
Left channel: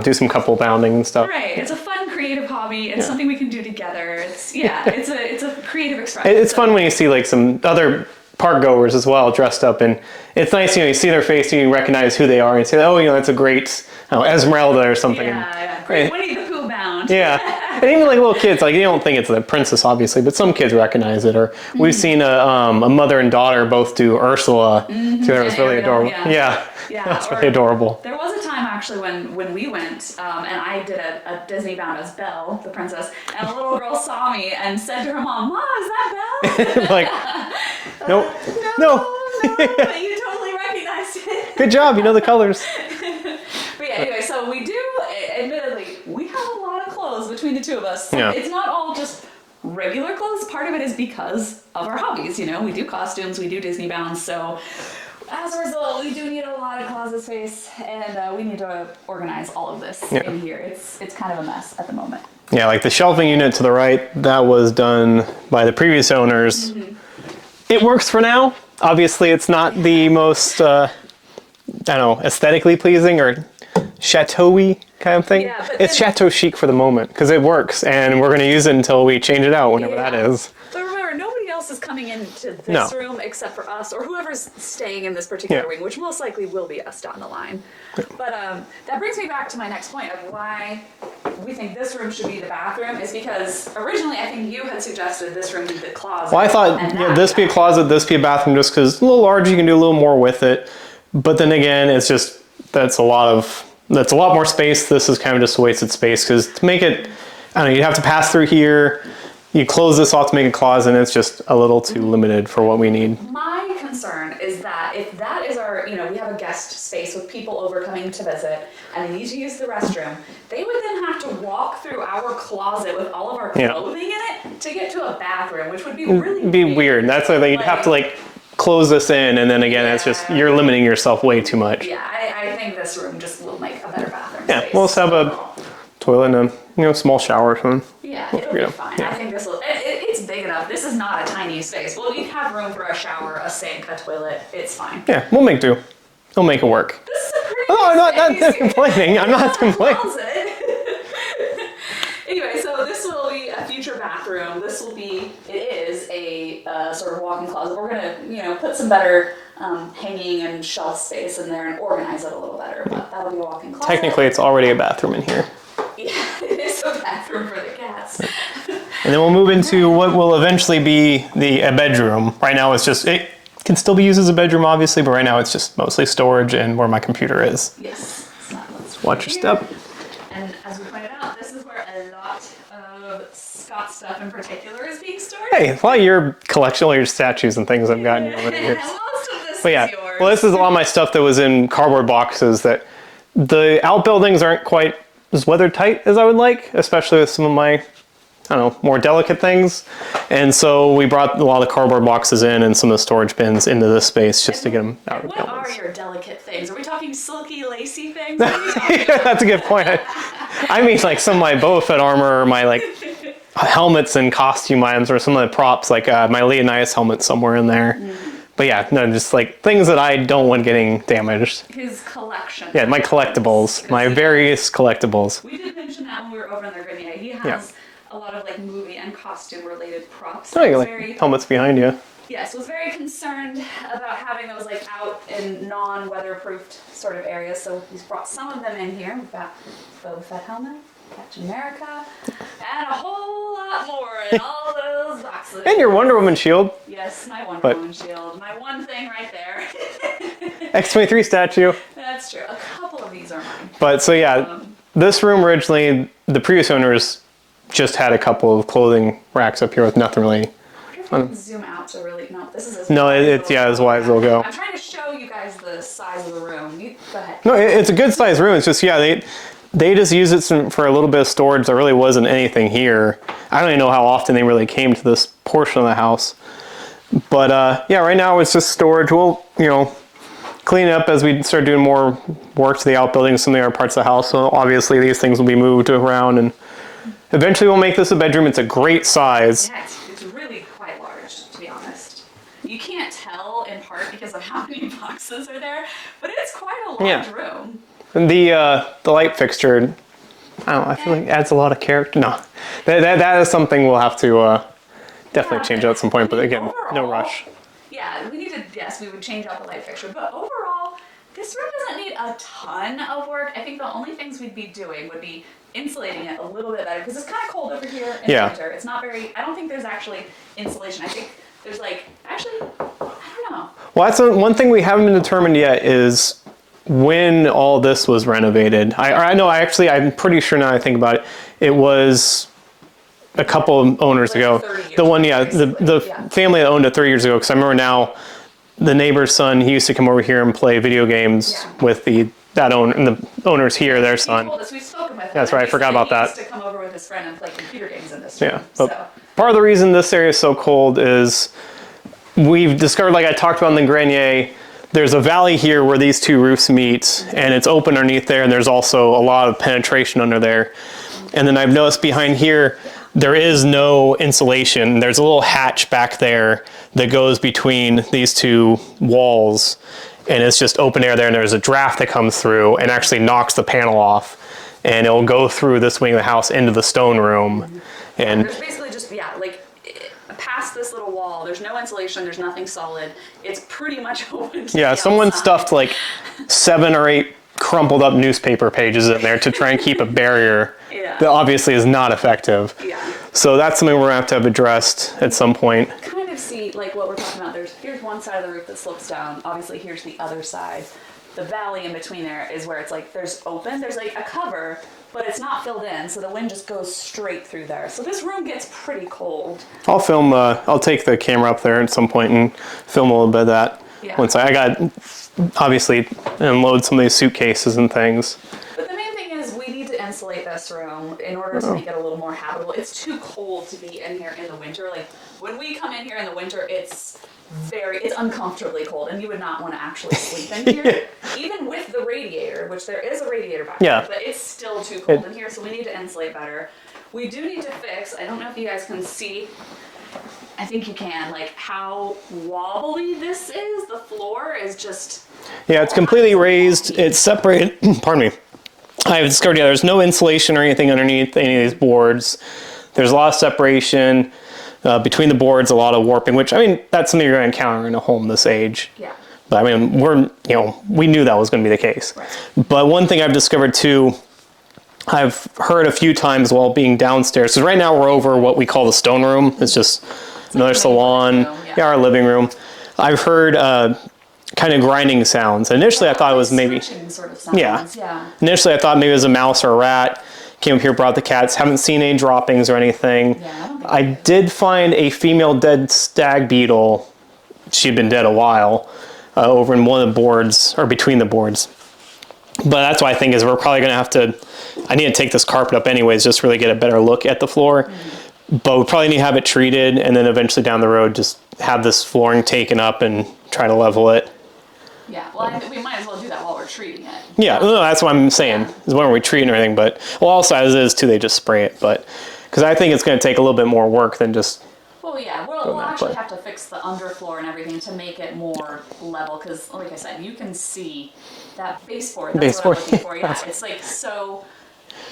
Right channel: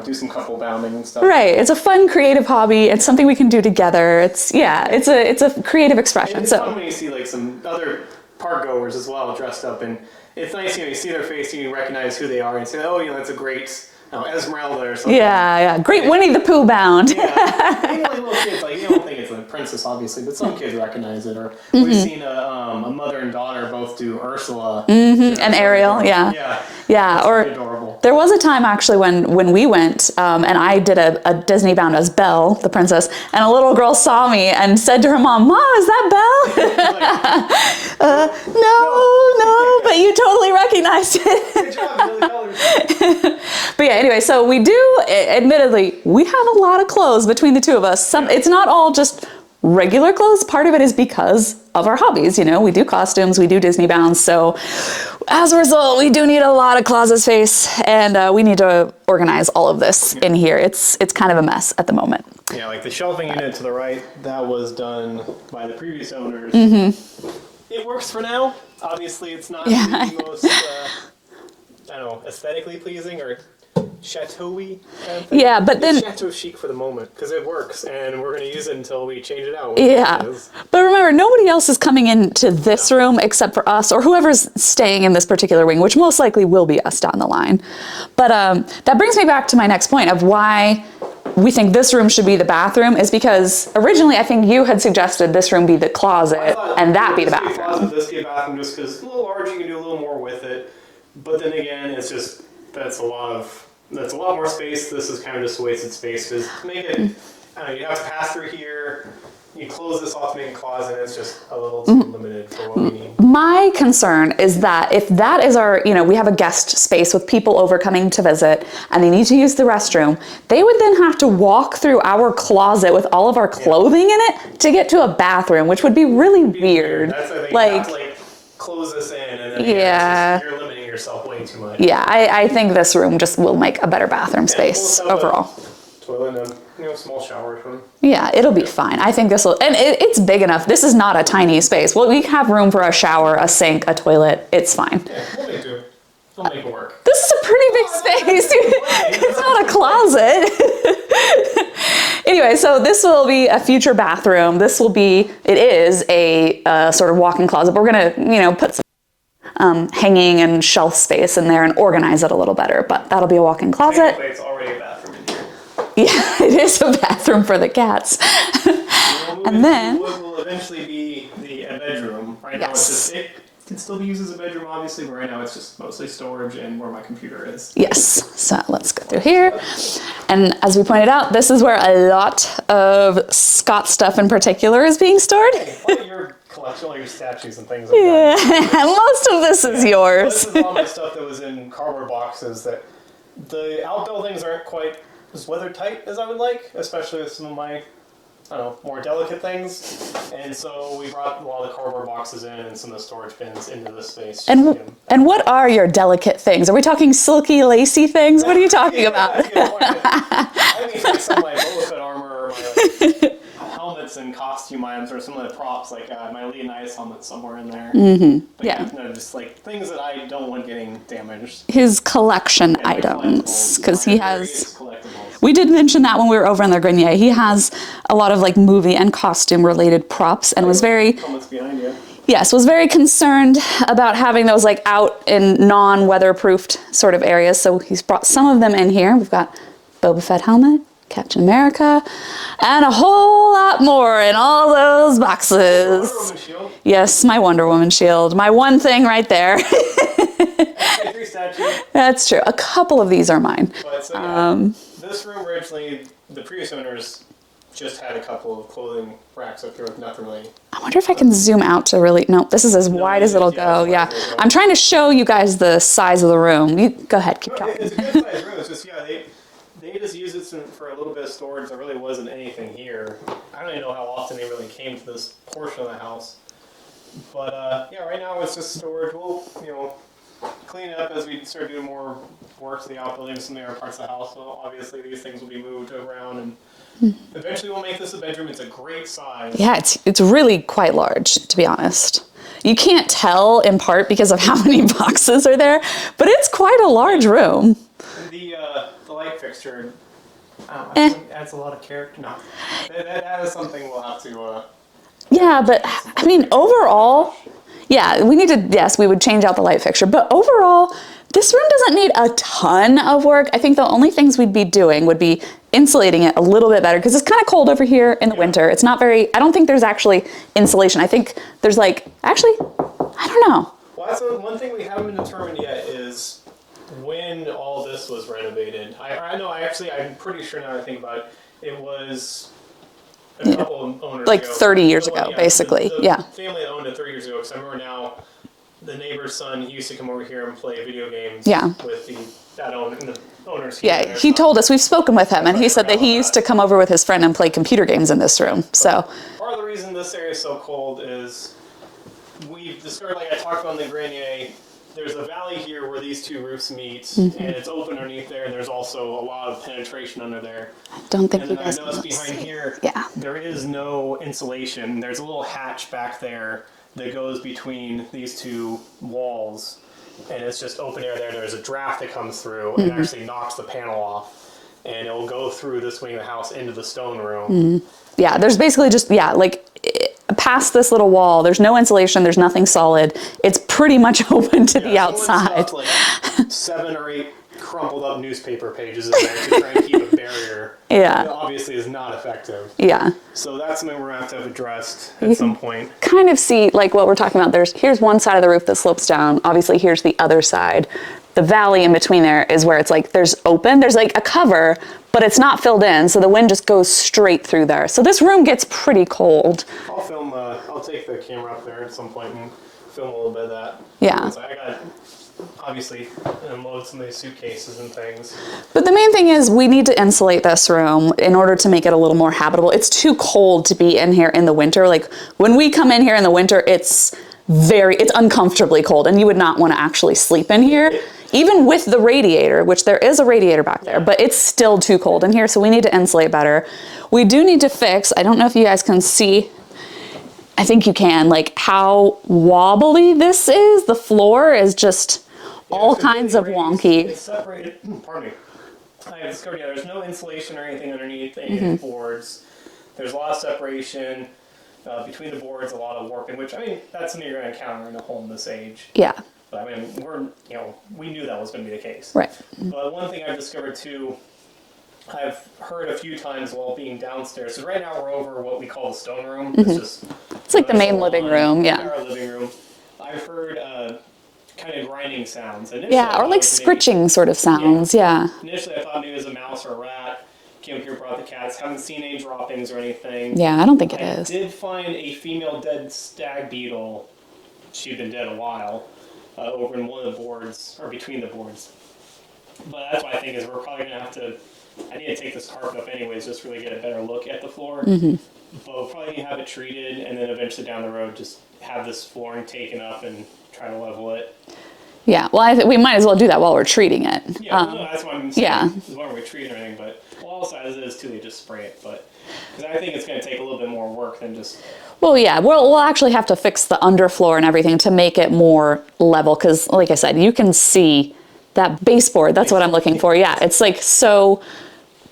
do some couple bounding and stuff. Right. It's a fun, creative hobby. It's something we can do together. It's a creative expression. It's fun when you see like some other park goers as well dressed up, and it's nice, you see their face and you recognize who they are and say, oh, that's a great Esmeralda or something. Yeah. Great Winnie the Pooh bound. Yeah. And even like little kids, like you don't think it's the princess obviously, but some kids recognize it. Or we've seen a mother and daughter both do Ursula. And Ariel. Yeah. That's really adorable. There was a time actually when we went and I did a Disney bound as Belle, the princess, and a little girl saw me and said to her mom, "Mom, is that Belle?" Nope. No, but you totally recognized it. Good job, you know the colors. But yeah, anyway, so we do, admittedly, we have a lot of clothes between the two of us. It's not all just regular clothes. Part of it is because of our hobbies. We do costumes, we do Disney bounds, so as a result, we do need a lot of closet space, and we need to organize all of this in here. It's kind of a mess at the moment. Yeah, like the shelving unit to the right, that was done by the previous owners. It works for now. Obviously, it's not the most, aesthetically pleasing or chateau-y kind of thing. Yeah, but it's chateau chic for the moment because it works, and we're going to use it until we change it out, whenever that is. But remember, nobody else is coming into this room except for us or whoever's staying in this particular wing, which most likely will be us down the line. But that brings me back to my next point of why we think this room should be the bathroom is because originally I think you had suggested this room be the closet. Well, I thought this be a closet, this be a bathroom, just because it's a little larger, you can do a little more with it. But then again, it's just, that's a lot more space. This is kind of just wasted space because to make it, you'd have to pass through here. you close this off to make a closet, and it's just a little too limited for what we need. My concern is that if that is our, we have a guest space with people over coming to visit and they need to use the restroom, they would then have to walk through our closet with all of our clothing in it to get to a bathroom, which would be really weird. That's why you have to close this in, and then again, it's just, you're limiting yourself way too much. Yeah, I think this room just will make a better bathroom space we'll have overall. A toilet and a small shower or something. Yeah, it'll be fine. I think this will, and it's big enough. This is not a tiny space. Well, we have room for a shower, a sink, a toilet. It's fine. Yeah, we'll make do. We'll make it work. This is a pretty big space. I'm not a closet. Anyway, so this will be a future bathroom. It is a sort of walk-in closet, but we're gonna, put some better hanging and shelf space in there and organize it a little better, but that'll be a walk-in closet. Technically, it's already a bathroom in here. Yeah, it is a bathroom for the cats. And then we'll move into what will eventually be a bedroom. Right now it's just, it can still be used as a bedroom obviously, but right now it's just mostly storage and where my computer is. Yes, so let's go here. And as we pointed out, this is where a lot of Scott stuff in particular is being stored. Hey, a lot of your collection, all your statues and things I've gotten. Most of this is yours. Well, this is a lot of my stuff that was in cardboard boxes that the outbuildings aren't quite as weather tight as I would like, especially with some of my, more delicate things. And so we brought a lot of the cardboard boxes in and some of the storage bins into this space just to get them. And what are your delicate things? Are we talking silky, lacy things? What are you talking about? That's a good point. I mean, some of my Boba Fett armor, or my helmets and costume items, or some of the props, my Leonidas helmet somewhere in there. Mm-hmm. But just things that I don't want getting damaged. His collection items. My collectibles, my various collectibles. We did mention that when we were over in the Grenier. He has a lot of movie and costume related props, and was very helmets behind you. Yes, was very concerned about having those out in non-weatherproofed sort of areas. So he's brought some of them in here. We've got Boba Fett helmet, Captain America, and a whole lot more in all those boxes. Hey, your Wonder Woman shield. Yes, my Wonder Woman shield. My one thing right there. X-23 statue. That's true. A couple of these are mine. But this room originally, the previous owners just had a couple of clothing racks up here with nothing really. I wonder if I can zoom out to really, no, this is as wide as it'll go. As wide as it'll go. I'm trying to show you guys the size of the room. You go ahead. No, it's a good sized room. It's just, they just use it for a little bit of storage. There really wasn't anything here. I don't even know how often they really came to this portion of the house. But right now it's just storage. We'll, clean it up as we start doing more work to the outbuildings, some of the other parts of the house. So obviously these things will be moved around, and eventually we'll make this a bedroom. It's a great size. Yeah, it's really quite large, to be honest. You can't tell in part because of how many boxes are there, but it's quite a large room. And the light fixture, I feel like adds a lot of character. No, that is something we'll have to definitely change out at some point. But again, overall, no rush. Yeah, we would change out the light fixture. But overall, this room doesn't need a ton of work. I think the only things we'd be doing would be insulating it a little bit better, because it's kind of cold over here in the winter. It's not very, I don't think there's actually insulation. I think there's actually, I don't know. Well, that's one thing we haven't been determined yet is when all this was renovated. I'm pretty sure now I think about it, it was a couple of owners ago. 30 years ago, basically. The family that owned it 30 years ago, because I remember now the neighbor's son, he used to come over here and play video games with the owners here. Their son. He told us, we've spoken with him, and he said that he used to come over with his friend and play computer games in this room. So part of the reason this area is so cold is we've discovered, like I talked about in the Grenier, there's a valley here where these two roofs meet, and it's open underneath there, and there's also a lot of penetration under there. And then I've noticed behind here, there is no insulation. There's a little hatch back there that goes between these two walls, and it's just open air there, and there's a draft that comes through and actually knocks the panel off, and it'll go through this wing of the house into the stone room. Yeah, there's basically just, past this little wall, there's no insulation, there's nothing solid. It's pretty much open to the outside. Someone stuffed 7 or 8 crumpled up newspaper pages in there to try and keep a barrier that obviously is not effective. So that's something we're going to have addressed at some point. Kind of see what we're talking about. Here's one side of the roof that slopes down. Obviously here's the other side. The valley in between there is where it's there's a cover, but it's not filled in, so the wind just goes straight through there. So this room gets pretty cold. I'll film, I'll take the camera up there at some point and film a little bit of that. Yeah. Once I got, obviously, unload some of these suitcases and things. But the main thing is we need to insulate this room in order to make it a little more habitable. It's too cold to be in here in the winter. Like when we come in here in the winter, it's uncomfortably cold, and you would not want to actually sleep in here, even with the radiator, which there is a radiator back there, but it's still too cold in here, so we need to insulate better. We do need to fix, I don't know if you guys can see, I think you can, like how wobbly this is. The floor is just it's completely raised. Wonky. It's separated, pardon me. I've discovered, there's no insulation or anything underneath any of these boards. There's a lot of separation. Between the boards, a lot of warping, which, I mean, that's something you're going to encounter in a home this age. Yeah. But I mean, we knew that was going to be the case. Right. But one thing I've discovered too, I've heard a few times while being downstairs, because right now we're over what we call the stone room. It's just another like the main salon. living room. Yeah, our living room. I've heard kind of grinding sounds. Initially, I thought like it was maybe scritching sort of sounds. Yeah. Initially, I thought maybe it was a mouse or a rat. Came up here, brought the cats. Haven't seen any droppings or anything. Yeah, I don't think I did find a female dead stag beetle. She'd been dead a while, over in one of the boards, or between the boards. But that's what I think is we're probably going to have to, I need to take this carpet up anyways, just really get a better look at the floor. But we probably need to have it treated, and then eventually down the road, just have this flooring taken up and try to level it. Yeah, well, we might as well do that while we're treating it. Yeah, no, that's what I'm saying. Yeah. Is when we're treating everything, but also as is too, they just spray it. But because I think it's going to take a little bit more work than just. Well, yeah, we'll actually have to fix the underfloor and everything to make it more level. Because, like I said, you can see that baseboard. That's what I'm looking for. Yeah, it's like so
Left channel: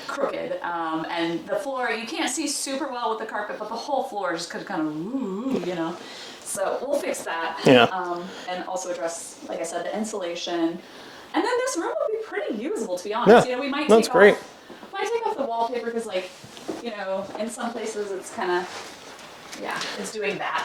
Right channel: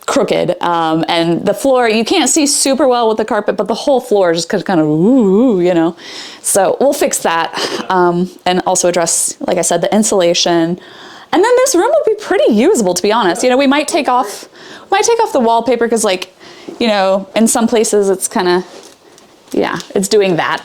crooked, and the floor you can't see super well with the carpet, but the whole floor is just kind of ooh. So we'll fix that, and also address, like I said, the insulation, and then this room will be pretty usable, to be honest. We might take off the wallpaper because, like, in some places it's kind of, it's doing that.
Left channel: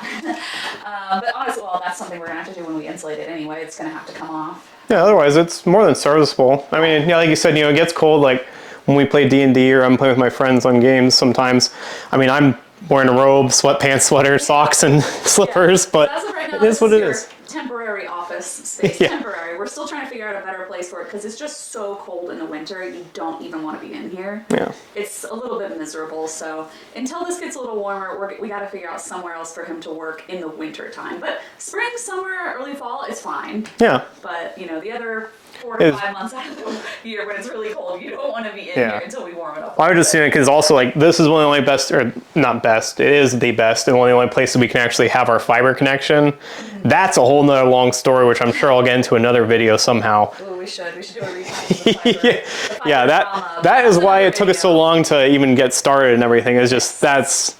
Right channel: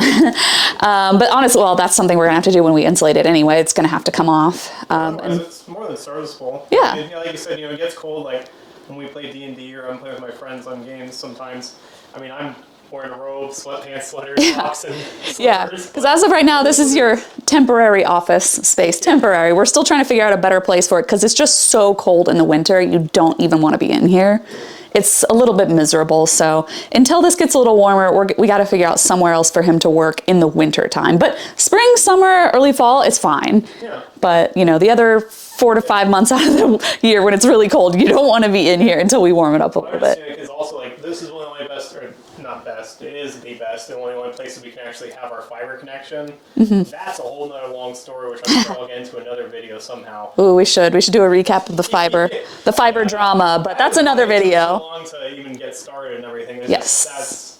But honestly, well, that's something we're gonna have to do when we insulate it anyway. It's gonna have to come off. Otherwise, it's more than serviceable. Yeah. I mean, like you said, it gets cold. Like when we play D&D or I'm playing with my friends on games. Sometimes, I mean, I'm wearing a robe, sweatpants, sweater, socks, and slippers. But as of right now, this is your temporary office space. Temporary. We're still trying to figure out a better place for it because it's just so cold in the winter. You don't even want to be in here. Yeah. It's a little bit miserable. So until this gets a little warmer, we got to figure out somewhere else for him to work in the winter time. But spring, summer, early fall, it's fine. Yeah. But the other 4 to 5 months out of the year when it's really cold, you don't want to be in here until we warm it up a little bit. I was just saying because also, like, this is one of the only best, or not best, it is the best, and one of the only places we can actually have our fiber connection. That's a whole nother long story, which I'm sure I'll get into another video somehow. Ooh, we should do a recap of the fiber, the fiber drama. But that's another video. It took us so long to even get started and everything. It's just, that's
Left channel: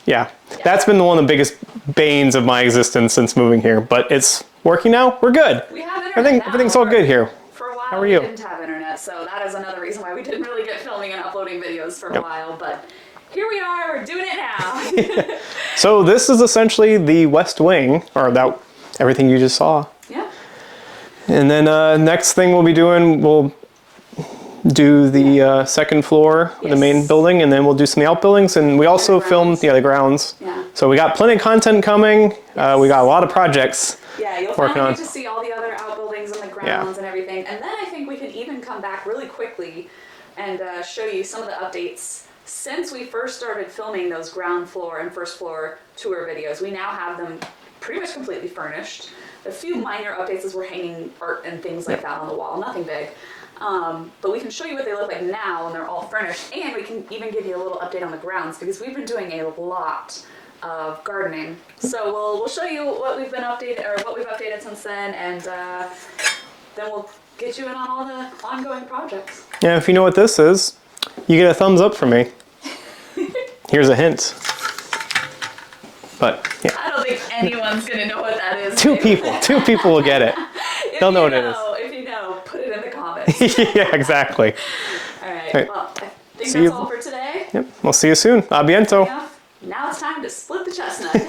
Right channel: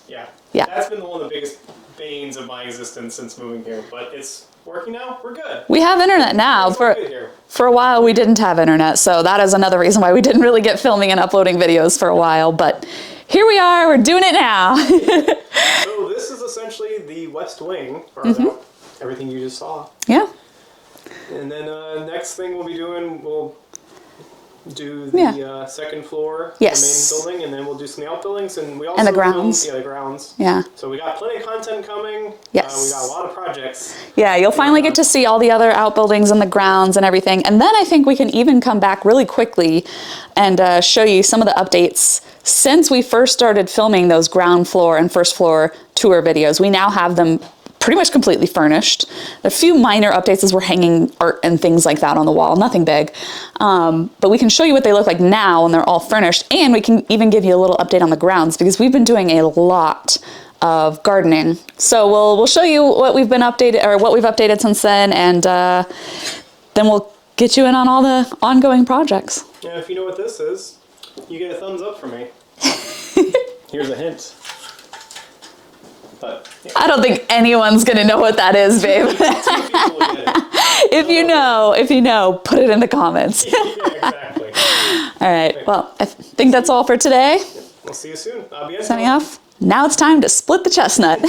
been one of the biggest banes of my existence since moving here, but it's working now. We're good. We have internet now. Everything's all good here. For a while, we didn't have internet, so that is another reason why we didn't really get filming and uploading videos for a while, but here we are, we're doing it now. So this is essentially the West Wing, or that everything you just saw. Yeah. And then next thing we'll be doing, we'll do the second floor, the main building, and then we'll do some of the outbuildings, and we also filmed the grounds. Yeah. So we got plenty of content coming. Yes. We got a lot of projects. Yeah, you'll finally get to see all the other outbuildings and the grounds and everything. And then I think we can even come back really quickly and show you some of the updates since we first started filming those ground floor and first floor tour videos. We now have them pretty much completely furnished. A few minor updates as we're hanging art and things like that on the wall, nothing big. But we can show you what they look like now when they're all furnished, and we can even give you a little update on the grounds because we've been doing a lot of gardening. So we'll show you what we've been updated, or what we've updated since then, and then we'll get you in on all the ongoing projects. Yeah, if you know what this is, you get a thumbs up from me. Here's a hint. But yeah. I don't think anyone's gonna know what that is, babe. Two people will get it. If you know, put it in the comments. Yeah, exactly. All right. Well, I think that's all for today. Yep. We'll see you soon. A bientôt. Signing off. Now it's time to split the chestnut.